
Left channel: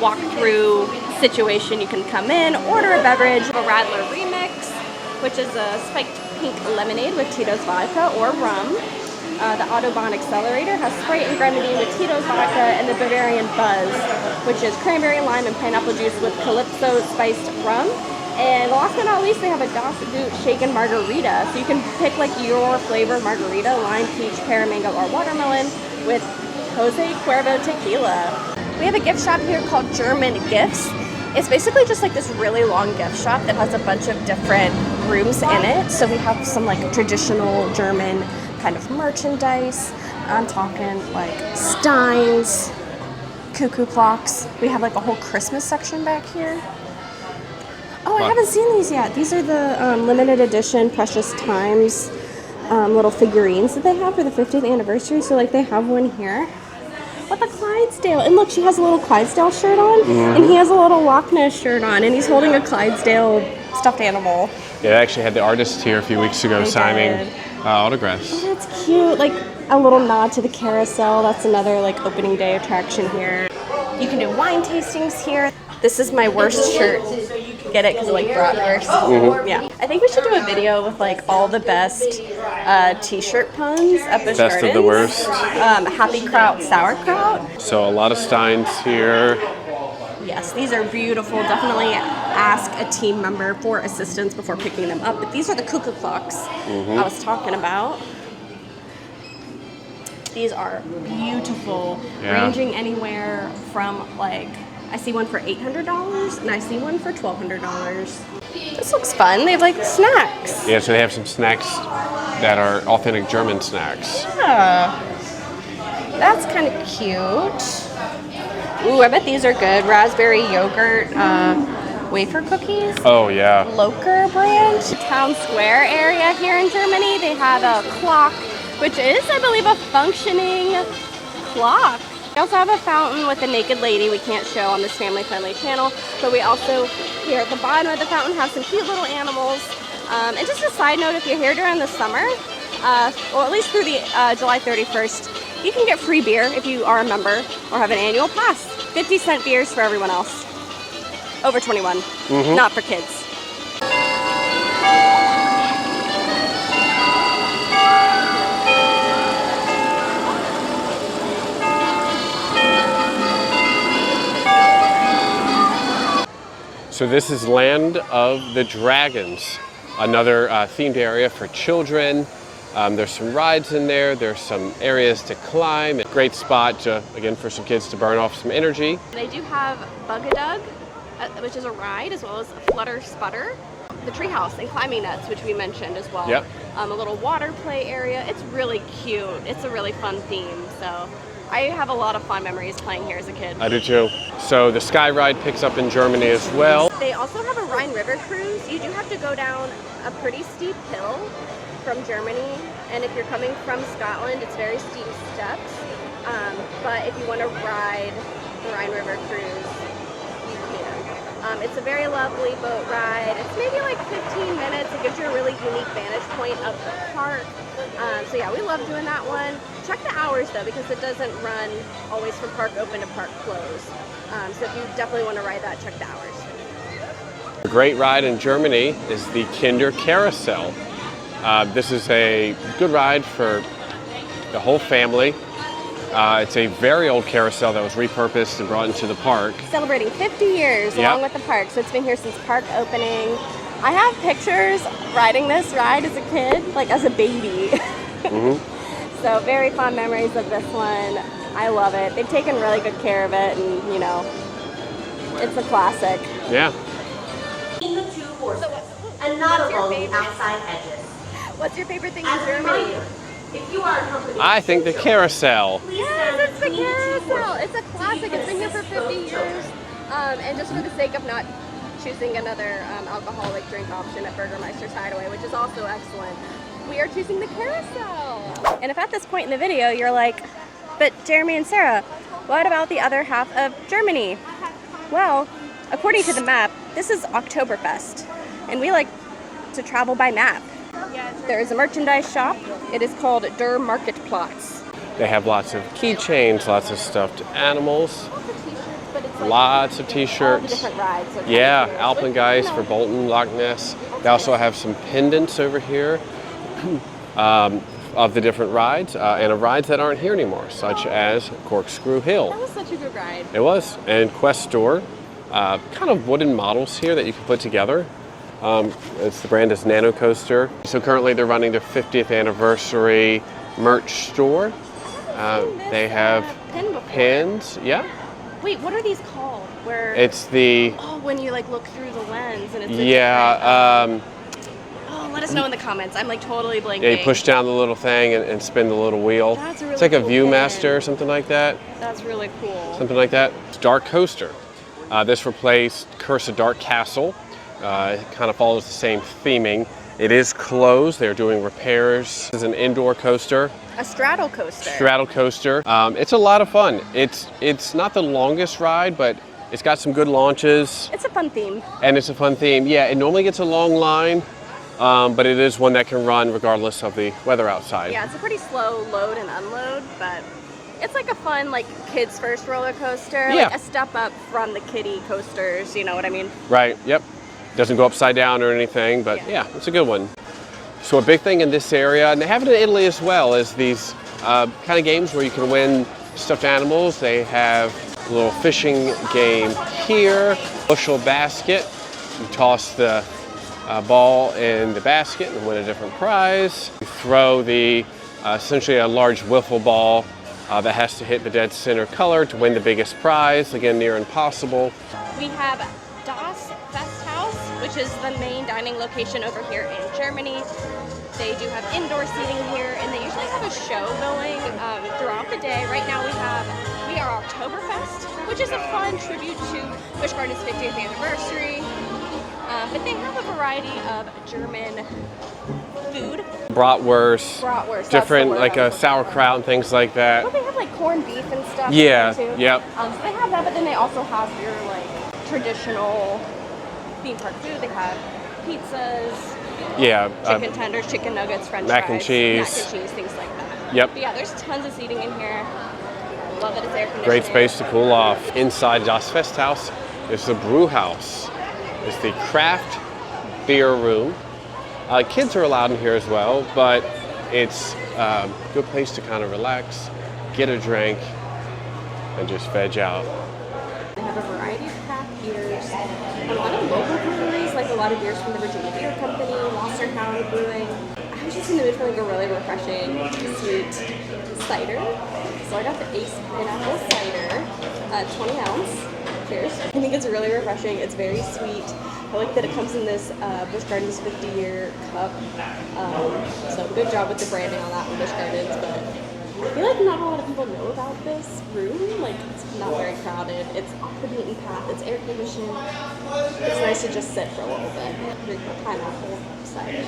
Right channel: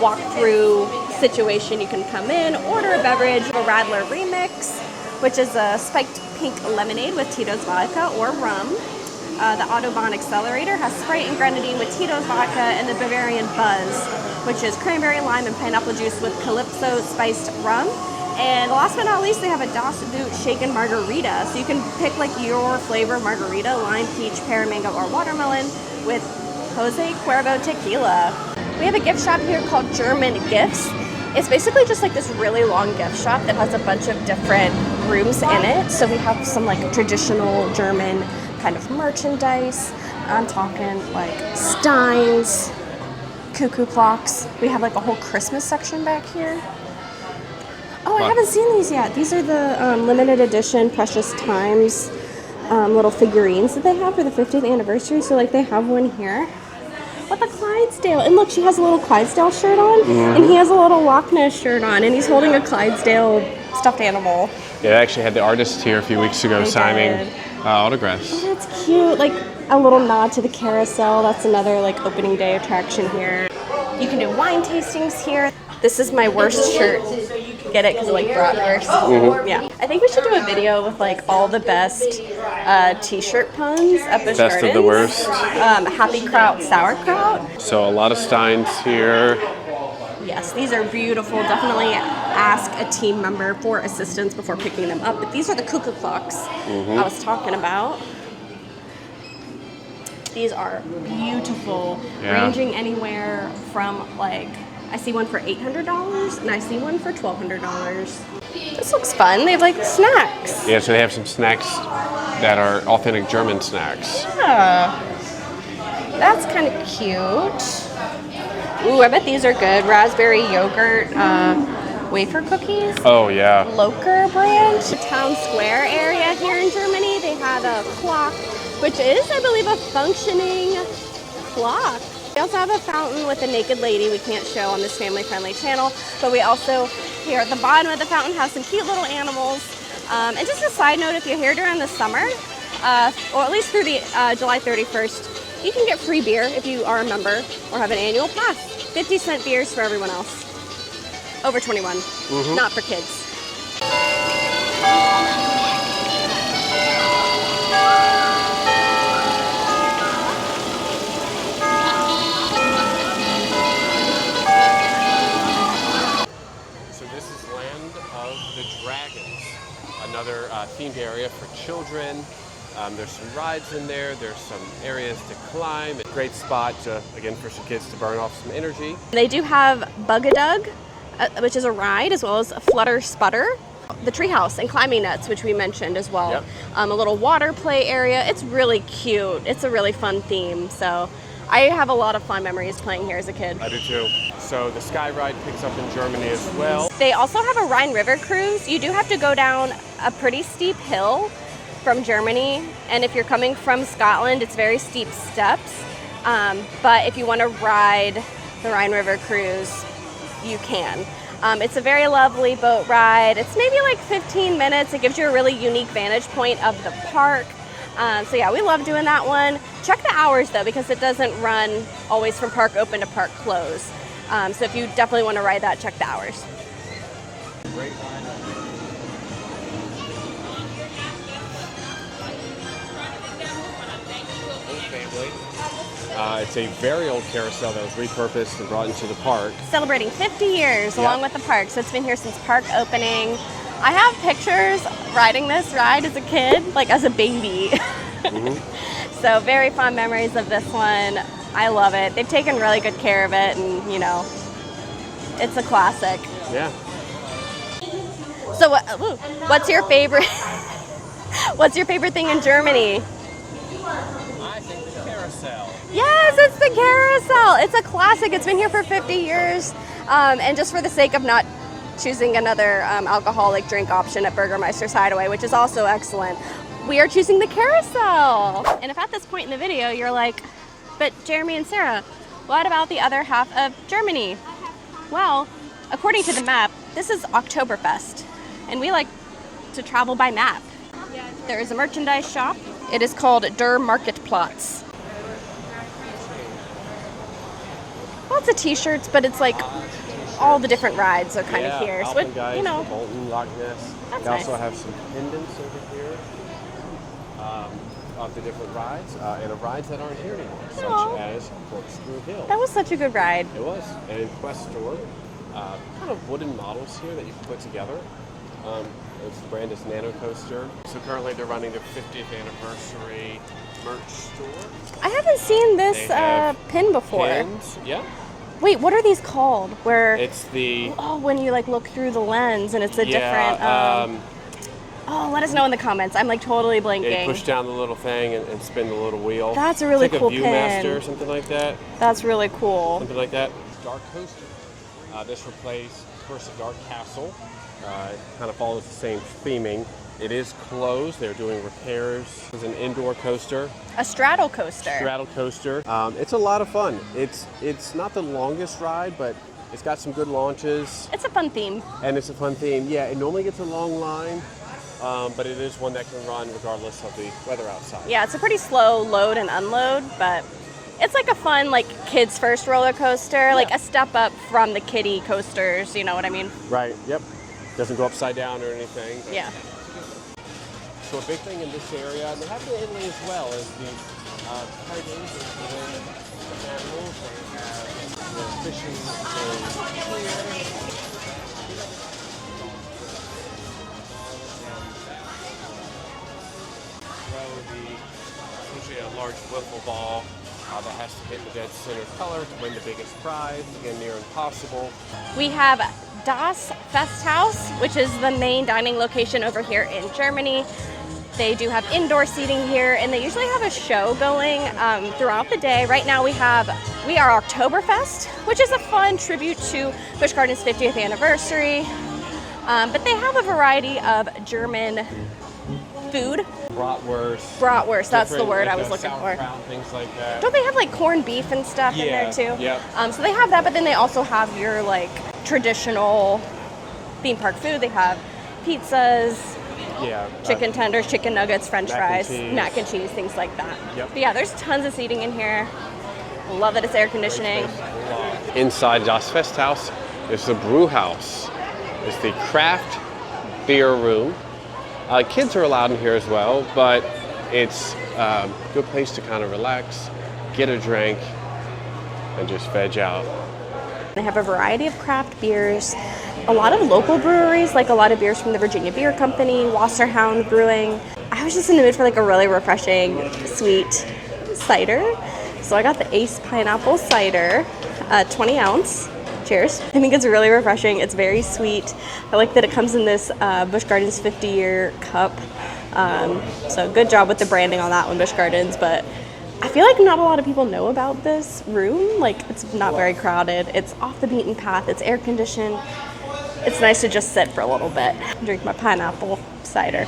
walk-through situation. You can come in, order a beverage, a Radler Remix, which is a spiked pink lemonade with Tito's vodka or rum. The Autobahn Accelerator has Sprite and grenadine with Tito's vodka, and the Bavarian Buzz, which is cranberry, lime, and pineapple juice with Calypso spiced rum. And last but not least, they have a Das Boot shaken margarita. So you can pick like your flavor margarita, lime, peach, pear, mango, or watermelon with Jose Cuervo tequila. We have a gift shop here called German Gifts. It's basically just like this really long gift shop that has a bunch of different rooms in it. So we have some like traditional German kind of merchandise. I'm talking like steins, cuckoo clocks. We have like a whole Christmas section back here. Oh, I haven't seen these yet. These are the limited edition Precious Times little figurines that they have for the 50th anniversary. So like they have one here with a Clydesdale. And look, she has a little Clydesdale shirt on, and he has a little Loch Ness shirt on, and he's holding a Clydesdale stuffed animal. Yeah, I actually had the artist here a few weeks ago signing Autographs. That's cute. Like a little nod to the carousel. That's another like opening day attraction here. You can do wine tastings here. This is my worst shirt. Get it? Because like bratwurst. Yeah. I think we should do a video with like all the best t-shirt puns at Busch Gardens. Best of the worst. Happy Kraut, sauerkraut. So a lot of steins here. Yes, these are beautiful. Definitely ask a team member for assistance before picking them up. But these are the cuckoo clocks I was talking about. These are beautiful, ranging anywhere from like, I see one for $800 and I see one for $1,200. This looks fun. They have like snacks. Yeah, so they have some snacks that are authentic German snacks. Yeah. That's kind of cute. Ooh, I bet these are good. Raspberry yogurt wafer cookies. Oh, yeah. Loker brand. Town Square area here in Germany, they have a clock, which is, I believe, a functioning clock. We also have a fountain with a naked lady we can't show on this family-friendly channel, but we also, here at the bottom of the fountain, have some cute little animals. And just a side note, if you're here during the summer, or at least through the July 31st, you can get free beer if you are a member or have an annual pass. 50-cent beers for everyone else. Over 21, not for kids. So this is Land of the Dragons, another themed area for children. There's some rides in there. There's some areas to climb. A great spot, again, for some kids to burn off some energy. They do have Bug-a-Dug, which is a ride, as well as a Flutter Sputter. The treehouse and climbing nuts, which we mentioned as well. Yep. A little water play area. It's really cute. It's a really fun theme. So I have a lot of fun memories playing here as a kid. I do too. So the Sky Ride picks up in Germany as well. They also have a Rhine River cruise. You do have to go down a pretty steep hill from Germany, and if you're coming from Scotland, it's very steep steps. But if you want to ride the Rhine River cruise, you can. It's a very lovely boat ride. It's maybe like 15 minutes. It gives you a really unique vantage point of the park. So yeah, we love doing that one. Check the hours though, because it doesn't run always from park open to park close. So if you definitely want to ride that, check the hours. A great ride in Germany is the Kinder Carousel. This is a good ride for the whole family. It's a very old carousel that was repurposed and brought into the park. Celebrating 50 years along with the park, so it's been here since park opening. I have pictures riding this ride as a kid, like as a baby. So very fond memories of this one. I love it. They've taken really good care of it, and you know, it's a classic. Yeah. So what's your favorite? What's your favorite thing in Germany? I think the carousel. Yes, it's the carousel. It's a classic. It's been here for 50 years. And just for the sake of not choosing another alcoholic drink option at Burgermeister's Hideaway, which is also excellent, we are choosing the carousel. And if at this point in the video you're like, but Jeremy and Sarah, what about the other half of Germany? Well, according to the map, this is Oktoberfest, and we like to travel by map. There is a merchandise shop. It is called Der Marktplatz. They have lots of keychains, lots of stuffed animals. Lots of t-shirts, but it's like lots of t-shirts. all the different rides are kind of here. Alpengeist for Bolton, Loch Ness. They also have some pendants over here of the different rides and of rides that aren't here anymore, such as Corkscrew Hill. That was such a good ride. It was. And Quest Store, kind of wooden models here that you can put together. The brand is Nano Coaster. So currently they're running their 50th anniversary merch store. I haven't seen this pin before. Pins, yeah. Wait, what are these called? Where it's the when you like look through the lens and it's a different. Let us know in the comments. I'm like totally blanking. Yeah, you push down the little thing and spin the little wheel. That's a really cool. It's like a pin. Viewmaster or something like that. That's really cool. Something like that. It's Dark Coaster. This replaced Curse of Dark Castle. It kind of follows the same theming. It is closed. They're doing repairs. It's an indoor coaster. A straddle coaster. Straddle coaster. It's a lot of fun. It's not the longest ride, but it's got some good launches. It's a fun theme. And it's a fun theme. Yeah, it normally gets a long line, but it is one that can run regardless of the weather outside. Yeah, it's a pretty slow load and unload, but it's like a fun, like, kids first roller coaster, like a step up from the kiddie coasters, you know what I mean? Right, yep. Doesn't go upside down or anything, but yeah, it's a good one. So a big thing in this area, and they have it in Italy as well, is these kind of games where you can win stuffed animals. They have a little fishing game here, bushel basket. You toss the ball in the basket and win a different prize. You throw the essentially a large wiffle ball that has to hit the dead center color to win the biggest prize. Again, near impossible. We have Das Festhaus, which is the main dining location over here in Germany. They do have indoor seating here, and they usually have a show going throughout the day. Right now we are Oktoberfest, which is a fun tribute to Busch Gardens' 50th anniversary. But they have a variety of German food. Bratwurst. Bratwurst, different, that's the word like a sauerkraut and things like that. Don't they have like corned beef and stuff Yeah, here too? yeah. So they have that, but then they also have your like traditional theme park food. They have pizzas, chicken tenders, chicken nuggets, french mac fries, and cheese. mac and cheese, things like that. Yep. But yeah, there's tons of seating in here. Love that it's air conditioning. Great space to cool off. Inside Das Festhaus is the brew house. It's the craft beer room. Kids are allowed in here as well, but it's a good place to kind of relax, get a drink, and just veg out. They have a variety of craft beers, a lot of local breweries, like a lot of beers from the Virginia Beer Company, Wasserhound Brewing. I was just in the mood for like a really refreshing, sweet cider. So I got the Ace Pineapple Cider, 20 ounce. Cheers. I think it's really refreshing. It's very sweet. I like that it comes in this Busch Gardens 50-year cup. So good job with the branding on that one, Busch Gardens. But I feel like not a lot of people know about this room. Like, it's not very crowded. It's off the beaten path. It's air conditioned. It's nice to just sit for a little bit. Drink my pineapple cider.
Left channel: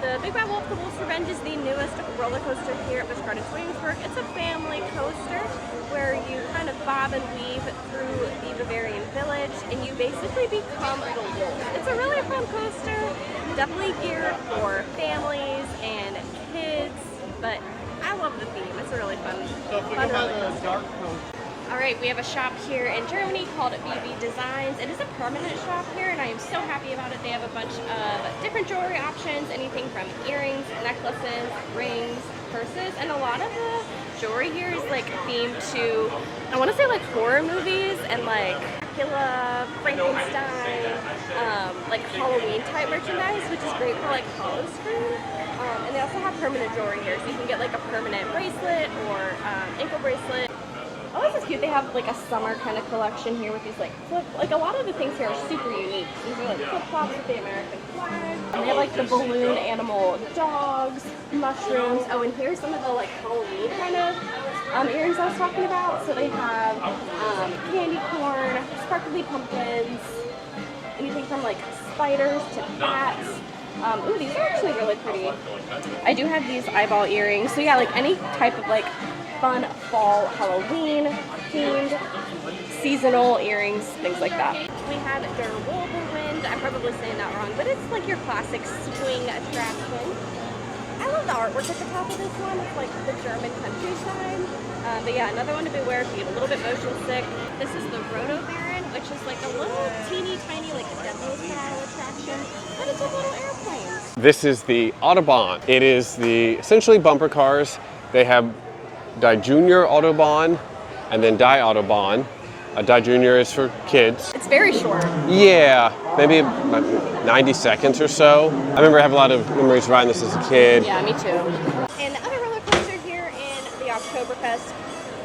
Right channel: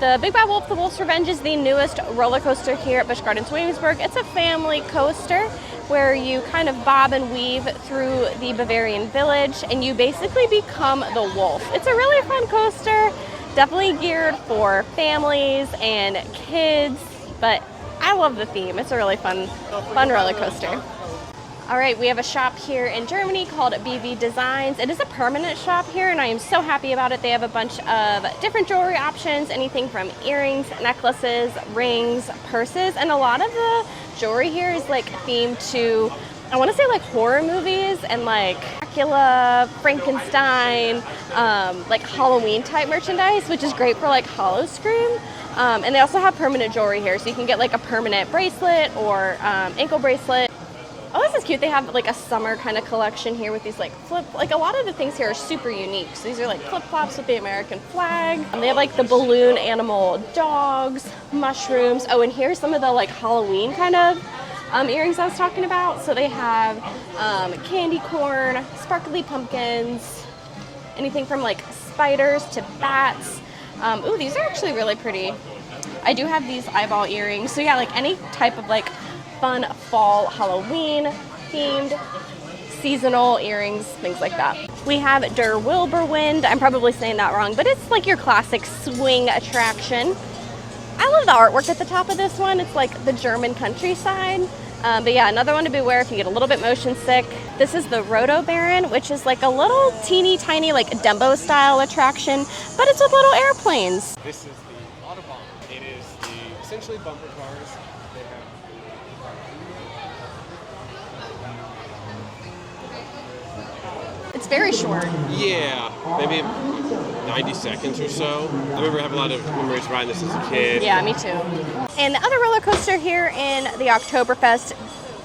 The Big Bad Wolf, The Wolf's Revenge is the newest roller coaster here at Busch Gardens Williamsburg. It's a family coaster where you kind of bob and weave through the Bavarian village and you basically become the wolf. It's a really fun coaster, definitely geared for families and kids, but I love the theme. It's a really fun roller coaster. All right, we have a shop here in Germany called BB Designs. It is a permanent shop here, and I am so happy about it. They have a bunch of different jewelry options, anything from earrings, necklaces, rings, purses, and a lot of the jewelry here is like themed to, I want to say like horror movies and like Dracula, Frankenstein, like Halloween type merchandise, which is great for like Howl-O-Scream. And they also have permanent jewelry here, so you can get like a permanent bracelet or ankle bracelet. Oh, this is cute. They have like a summer kind of collection here with these like like a lot of the things here are super unique. So these are like flip-flops with the American flag. And they have like the balloon animal dogs, mushrooms. Oh, and here's some of the like Halloween kind of earrings I was talking about. So they have candy corn, sparkly pumpkins, anything from like spiders to bats. Ooh, these are actually really pretty. I do have these eyeball earrings. So yeah, like any type of like fun fall Halloween themed seasonal earrings, things like that. We have Der Wilberwind. I'm probably saying that wrong, but it's like your classic swing attraction. I love the artwork at the top of this one. It's like the German countryside. But yeah, another one to beware if you get a little bit motion sick. This is the Roto Baron, which is like a little teeny tiny like Dumbo style attraction, but it's with little airplanes. This is the Autobahn. It is the essentially bumper cars. They have Die Junior Autobahn and then Die Autobahn. Die Junior is for kids. It's very short. Yeah, maybe 90 seconds or so. I remember having a lot of memories riding this as a kid. Yeah, me too. And the other roller coaster here in the Oktoberfest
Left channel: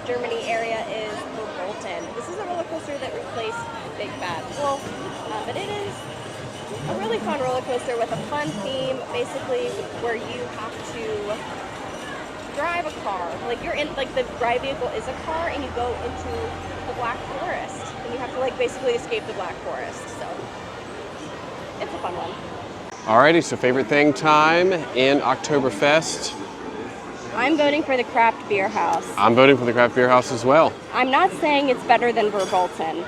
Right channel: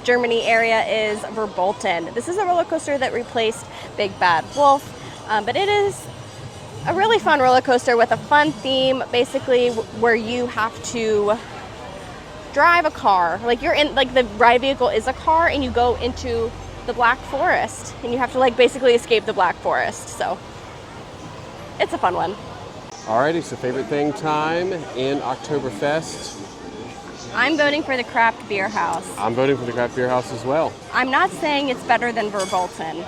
Germany area is Verbolten. This is a roller coaster that replaced Big Bad Wolf, but it is a really fun roller coaster with a fun theme, basically where you have to drive a car. Like you're in, like the ride vehicle is a car and you go into the Black Forest and you have to like basically escape the Black Forest. So it's a fun one. Alrighty, so favorite thing time in Oktoberfest? I'm voting for the Craft Beer House. I'm voting for the Craft Beer House as well. I'm not saying it's better than Verbolten,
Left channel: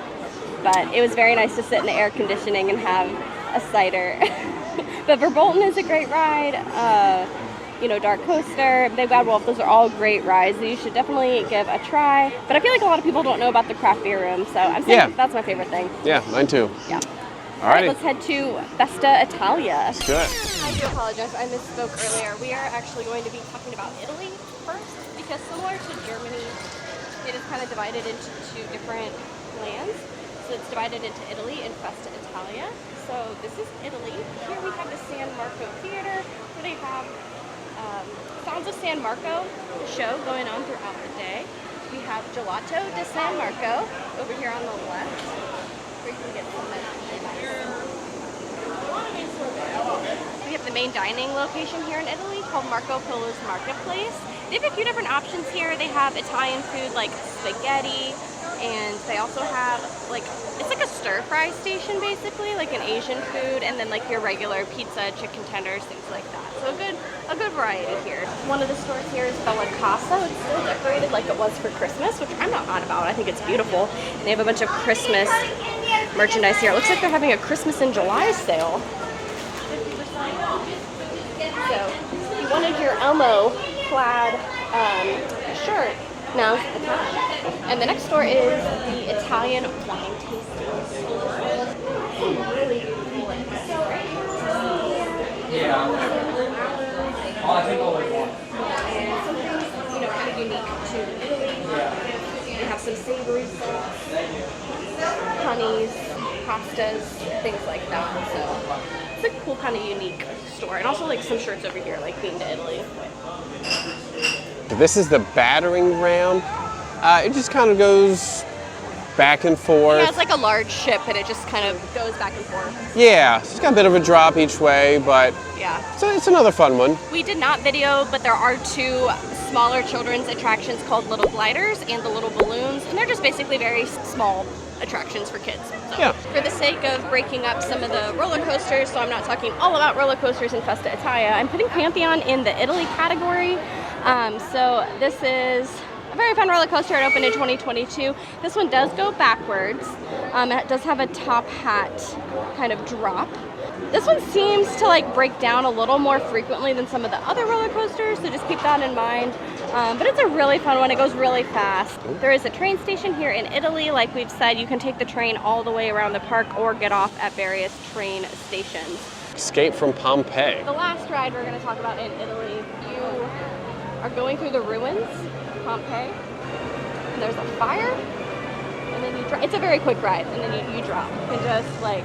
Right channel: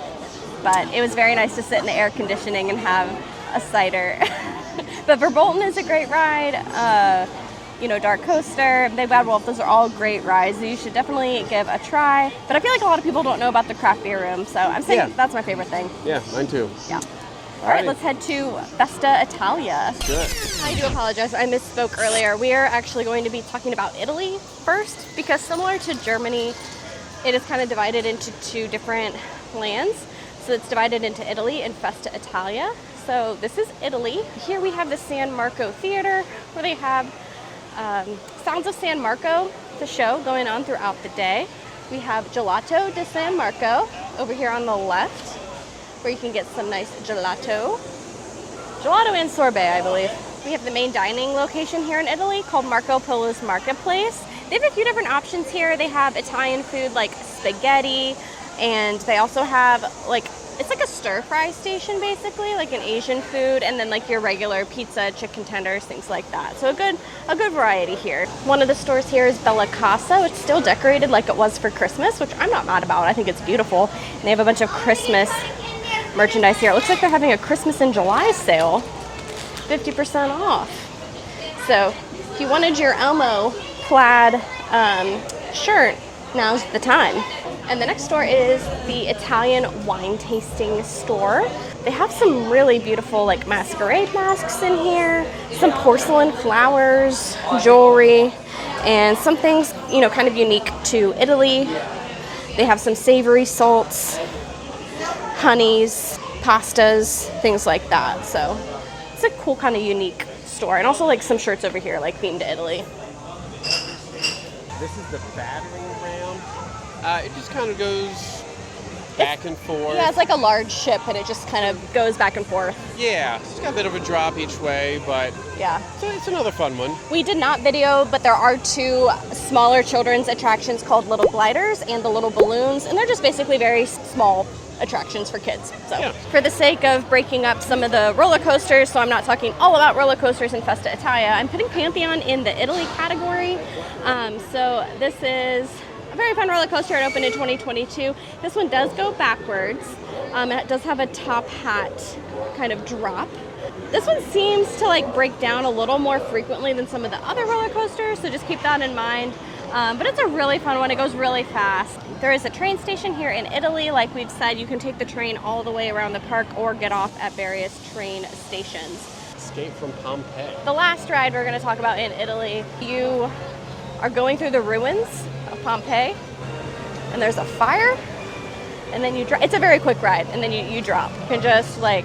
but it was very nice to sit in the air conditioning and have a cider. But Verbolten is a great ride. You know, Dark Coaster, Big Bad Wolf, those are all great rides. So you should definitely give a try. But I feel like a lot of people don't know about the craft beer room, so I'm saying that's my favorite thing. Yeah, mine too. Yeah. All right, let's head to Festa Italia. Good. I do apologize, I misspoke earlier. We are actually going to be talking about Italy first, because similar to Germany, it is kind of divided into two different lands. So it's divided into Italy and Festa Italia. So this is Italy. Here we have the San Marco Theater, where they have Sounds of San Marco, the show going on throughout the day. We have Gelato di San Marco over here on the left, where you can get some nice gelato. Gelato and sorbet, I believe. We have the main dining location here in Italy called Marco Polo's Marketplace. They have a few different options here. They have Italian food like spaghetti, and they also have it's like a stir-fry station basically, like an Asian food, and then like your regular pizza, chicken tenders, things like that. So a good variety here. One of the stores here is Bella Casa. It's still decorated like it was for Christmas, which I'm not mad about. I think it's beautiful. And they have a bunch of Christmas merchandise here. It looks like they're having a Christmas in July sale, 50% off. So if you wanted your Elmo plaid shirt, now's the time. And the next store is the Italian wine tasting store. They have some really beautiful like masquerade masks in here, some porcelain flowers, jewelry, and some things, you know, kind of unique to Italy. They have some savory salts, honeys, pastas, things like that. So it's a cool kind of unique store. And also like some shirts over here like themed to Italy. This is the battering ram. It just kind of goes back and forth. Yeah, it's like a large ship, and it just kind of goes back and forth. Yeah, it's got a bit of a drop each way, but yeah, it's another fun one. We did not video, but there are two smaller children's attractions called Little Gliders and the Little Balloons, and they're just basically very small attractions for kids. So yeah. For the sake of breaking up some of the roller coasters, so I'm not talking all about roller coasters in Festa Italia, I'm putting Pantheon in the Italy category. So this is a very fun roller coaster. It opened in 2022. This one does go backwards. It does have a top hat kind of drop. This one seems to like break down a little more frequently than some of the other roller coasters, so just keep that in mind. But it's a really fun one. It goes really fast. There is a train station here in Italy. Like we've said, you can take the train all the way around the park or get off at various train stations. Escape from Pompeii. The last ride we're going to talk about in Italy, you are going through the ruins of Pompeii, and there's a fire, and then you drop. It's a very quick ride, and then you drop. You can just like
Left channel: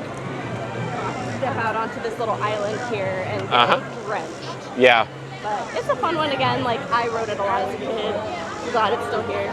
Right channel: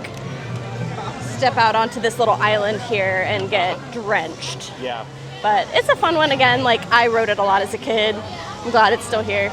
step out onto this little island here and get drenched. Yeah. But it's a fun one. Again, like I rode it a lot as a kid. I'm glad it's still here.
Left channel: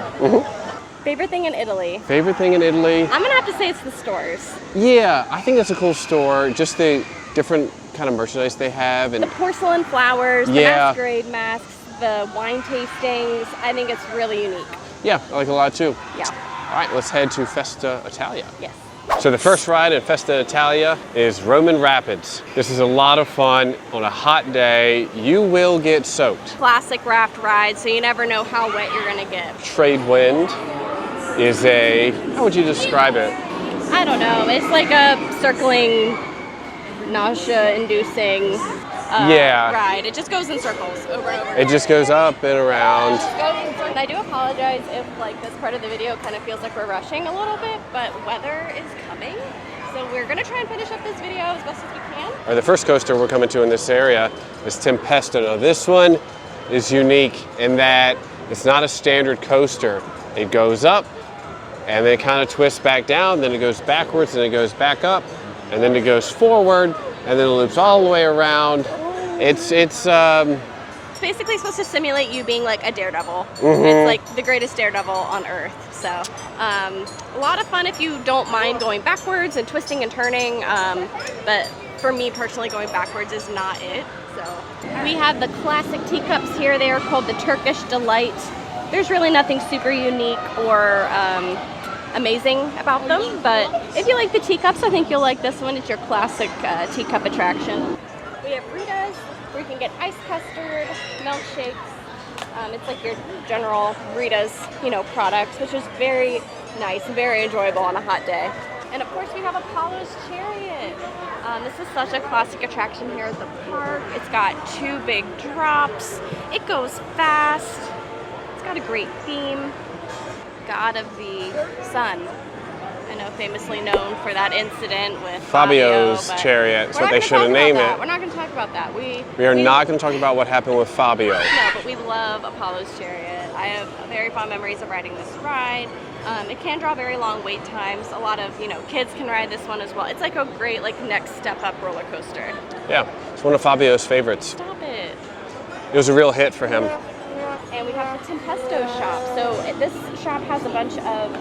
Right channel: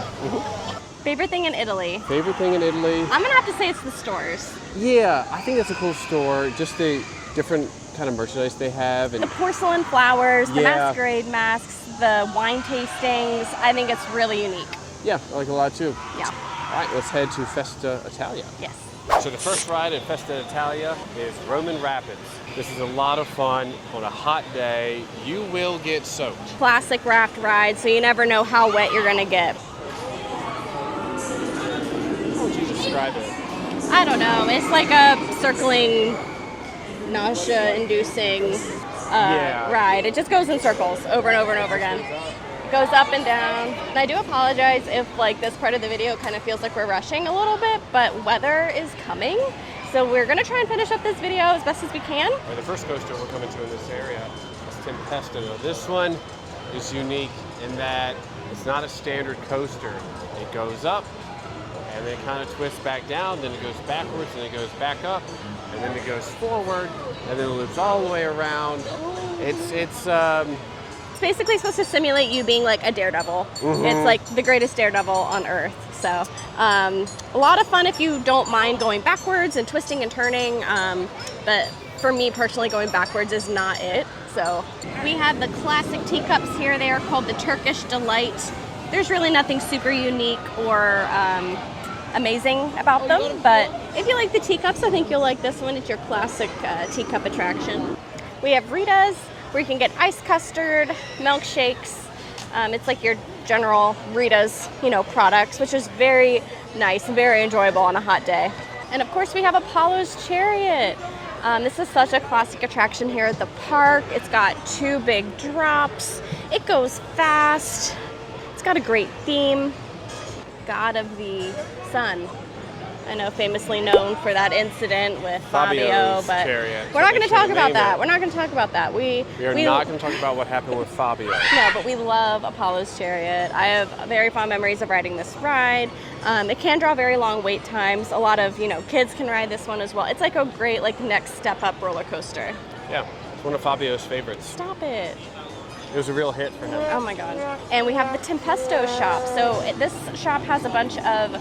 Favorite thing in Italy? Favorite thing in Italy? I'm gonna have to say it's the stores. Yeah, I think that's a cool store. Just the different kind of merchandise they have. And the porcelain flowers, the masquerade masks, the wine tastings. I think it's really unique. Yeah, I like it a lot too. Yeah. All right, let's head to Festa Italia. Yes. So the first ride at Festa Italia is Roman Rapids. This is a lot of fun. On a hot day, you will get soaked. Classic raft ride, so you never know how wet you're gonna get. Trade wind is how would you describe it? I don't know. It's like a circling, nausea-inducing ride. It just goes in circles over and over and over. It just goes up and around. Goes up and down. And I do apologize if like this part of the video kind of feels like we're rushing a little bit, but weather is coming. So we're gonna try and finish up this video as best as we can. All right, the first coaster we're coming to in this area is Tempesto. Now this one is unique in that it's not a standard coaster. It goes up and then it kind of twists back down, then it goes backwards and it goes back up, and then it goes forward and then it loops all the way around. It's basically supposed to simulate you being like a daredevil. It's like the greatest daredevil on earth. So a lot of fun if you don't mind going backwards and twisting and turning. But for me personally, going backwards is not it. So we have the classic teacups here. They are called the Turkish Delight. There's really nothing super unique or amazing about them. But if you like the teacups, I think you'll like this one. It's your classic teacup attraction. We have Ritas, where you can get iced custard, milkshakes. It's like your general Rita's, products, which is very nice and very enjoyable on a hot day. And of course we have Apollo's Chariot. This is such a classic attraction here at the park. It's got 2 big drops. It goes fast. It's got a great theme. God of the Sun. I know, famously known for that incident with Fabio's Fabio, chariot. We're not going to talk about that. It. We're not going to talk about that. We are not going to talk about what happened with Fabio. No, but we love Apollo's Chariot. I have very fond memories of riding this ride. It can draw very long wait times. A lot of, kids can ride this one as well. It's like a great, next step up roller coaster. Yeah, it's one of Fabio's favorites. Stop it. It was a real hit for him. Oh my God. And we have the Tempesto shop. So this shop has a bunch of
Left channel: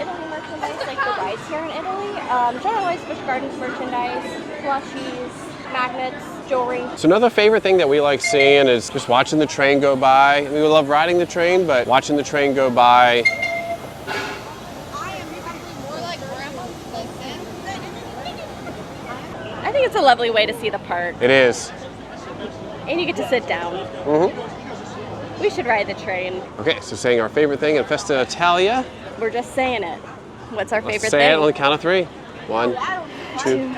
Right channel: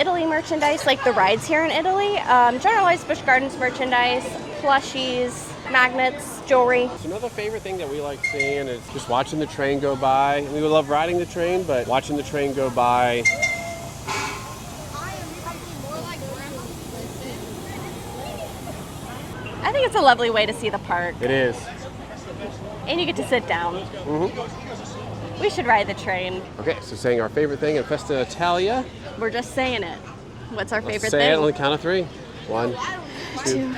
Italy merchandise, like the rides here in Italy. Generalized Busch Gardens merchandise, plushies, magnets, jewelry. So another favorite thing that we like seeing is just watching the train go by. We love riding the train, but watching the train go by. I think it's a lovely way to see the park. It is. And you get to sit down. Mm-hmm. We should ride the train. Okay, so saying our favorite thing at Festa Italia. We're just saying it. What's our favorite Say thing? it on the count of 3. 1, 2,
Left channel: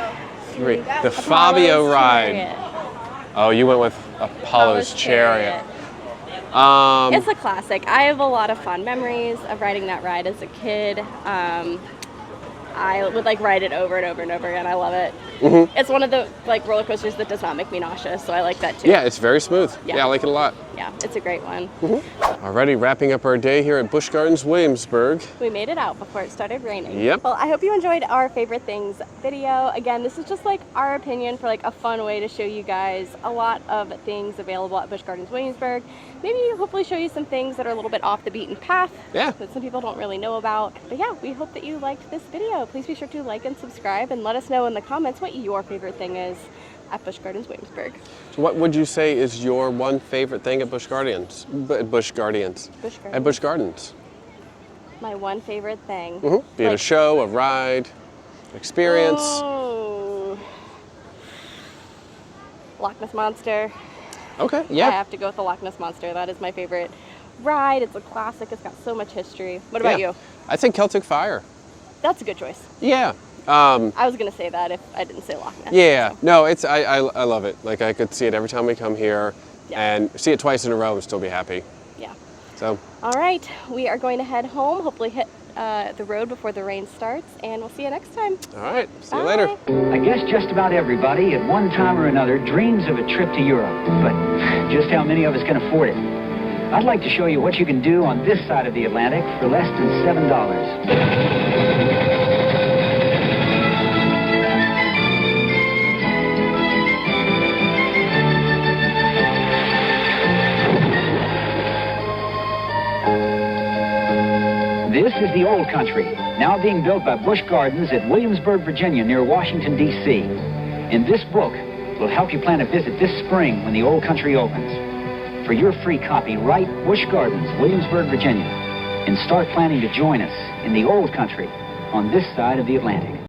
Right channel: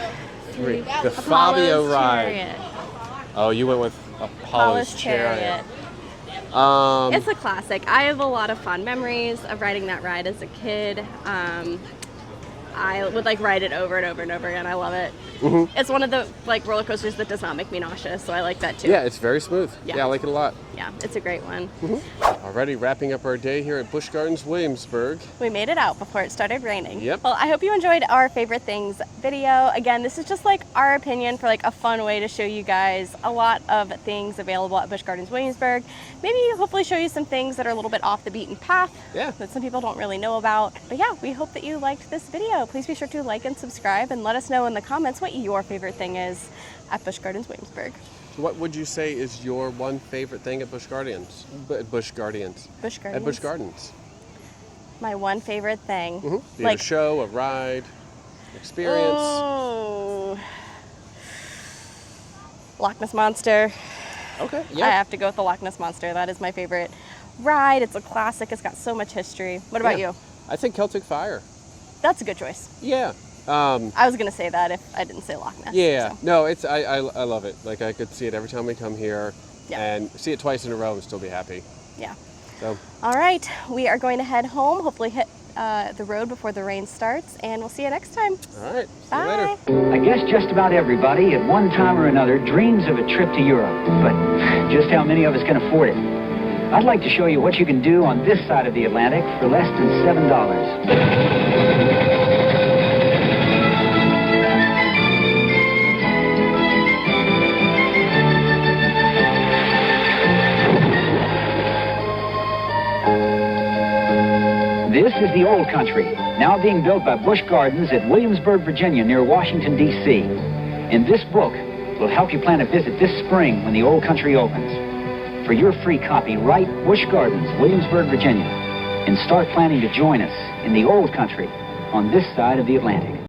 3. The Apollo's Fabio ride. Chariot. Oh, you went with Apollo's Chariot. It's a classic. I have a lot of fond memories of riding that ride as a kid. I would ride it over and over and over again. I love it. Mm-hmm. It's one of the roller coasters that does not make me nauseous, so I like that too. Yeah, it's very smooth. Yeah. I like it a lot. Yeah, it's a great one. Mm-hmm. Alrighty, wrapping up our day here at Busch Gardens Williamsburg. We made it out before it started raining. Yep. Well, I hope you enjoyed our favorite things video. Again, this is just our opinion for a fun way to show you guys a lot of things available at Busch Gardens Williamsburg. Maybe hopefully show you some things that are a little bit off the beaten path. Yeah. That some people don't really know about. But yeah, we hope that you liked this video. Please be sure to like and subscribe and let us know in the comments what your favorite thing is at Busch Gardens Williamsburg. What would you say is your one favorite thing at Busch Gardens? Busch Gardens. Busch Gardens. At Busch Gardens. My one favorite thing. Mm-hmm. Be it a show, a ride, experience. Oh. Loch Ness Monster. Okay, I yeah. have to go with the Loch Ness Monster. That is my favorite ride. It's a classic. It's got so much history. What about you? I think Celtic Fire. That's a good choice. Yeah. I was gonna say that if I didn't say Loch Ness. Yeah. So. No, it's I love it. I could see it every time we come here, Yeah. and see it twice in a row and still be happy. Yeah. So. All right, we are going to head home. Hopefully hit the road before the rain starts, and we'll see you next time. All right. See you Bye. later. I guess just about everybody at one time or another dreams of a trip to Europe, but just how many of us can afford it? I'd like to show you what you can do on this side of the Atlantic for less than $7. This is the old country, now being built by Busch Gardens at Williamsburg, Virginia, near Washington, D.C. In this book, we'll help you plan a visit this spring when the old country opens. For your free copy, write Busch Gardens, Williamsburg, Virginia, and start planning to join us in the old country on this side of the Atlantic.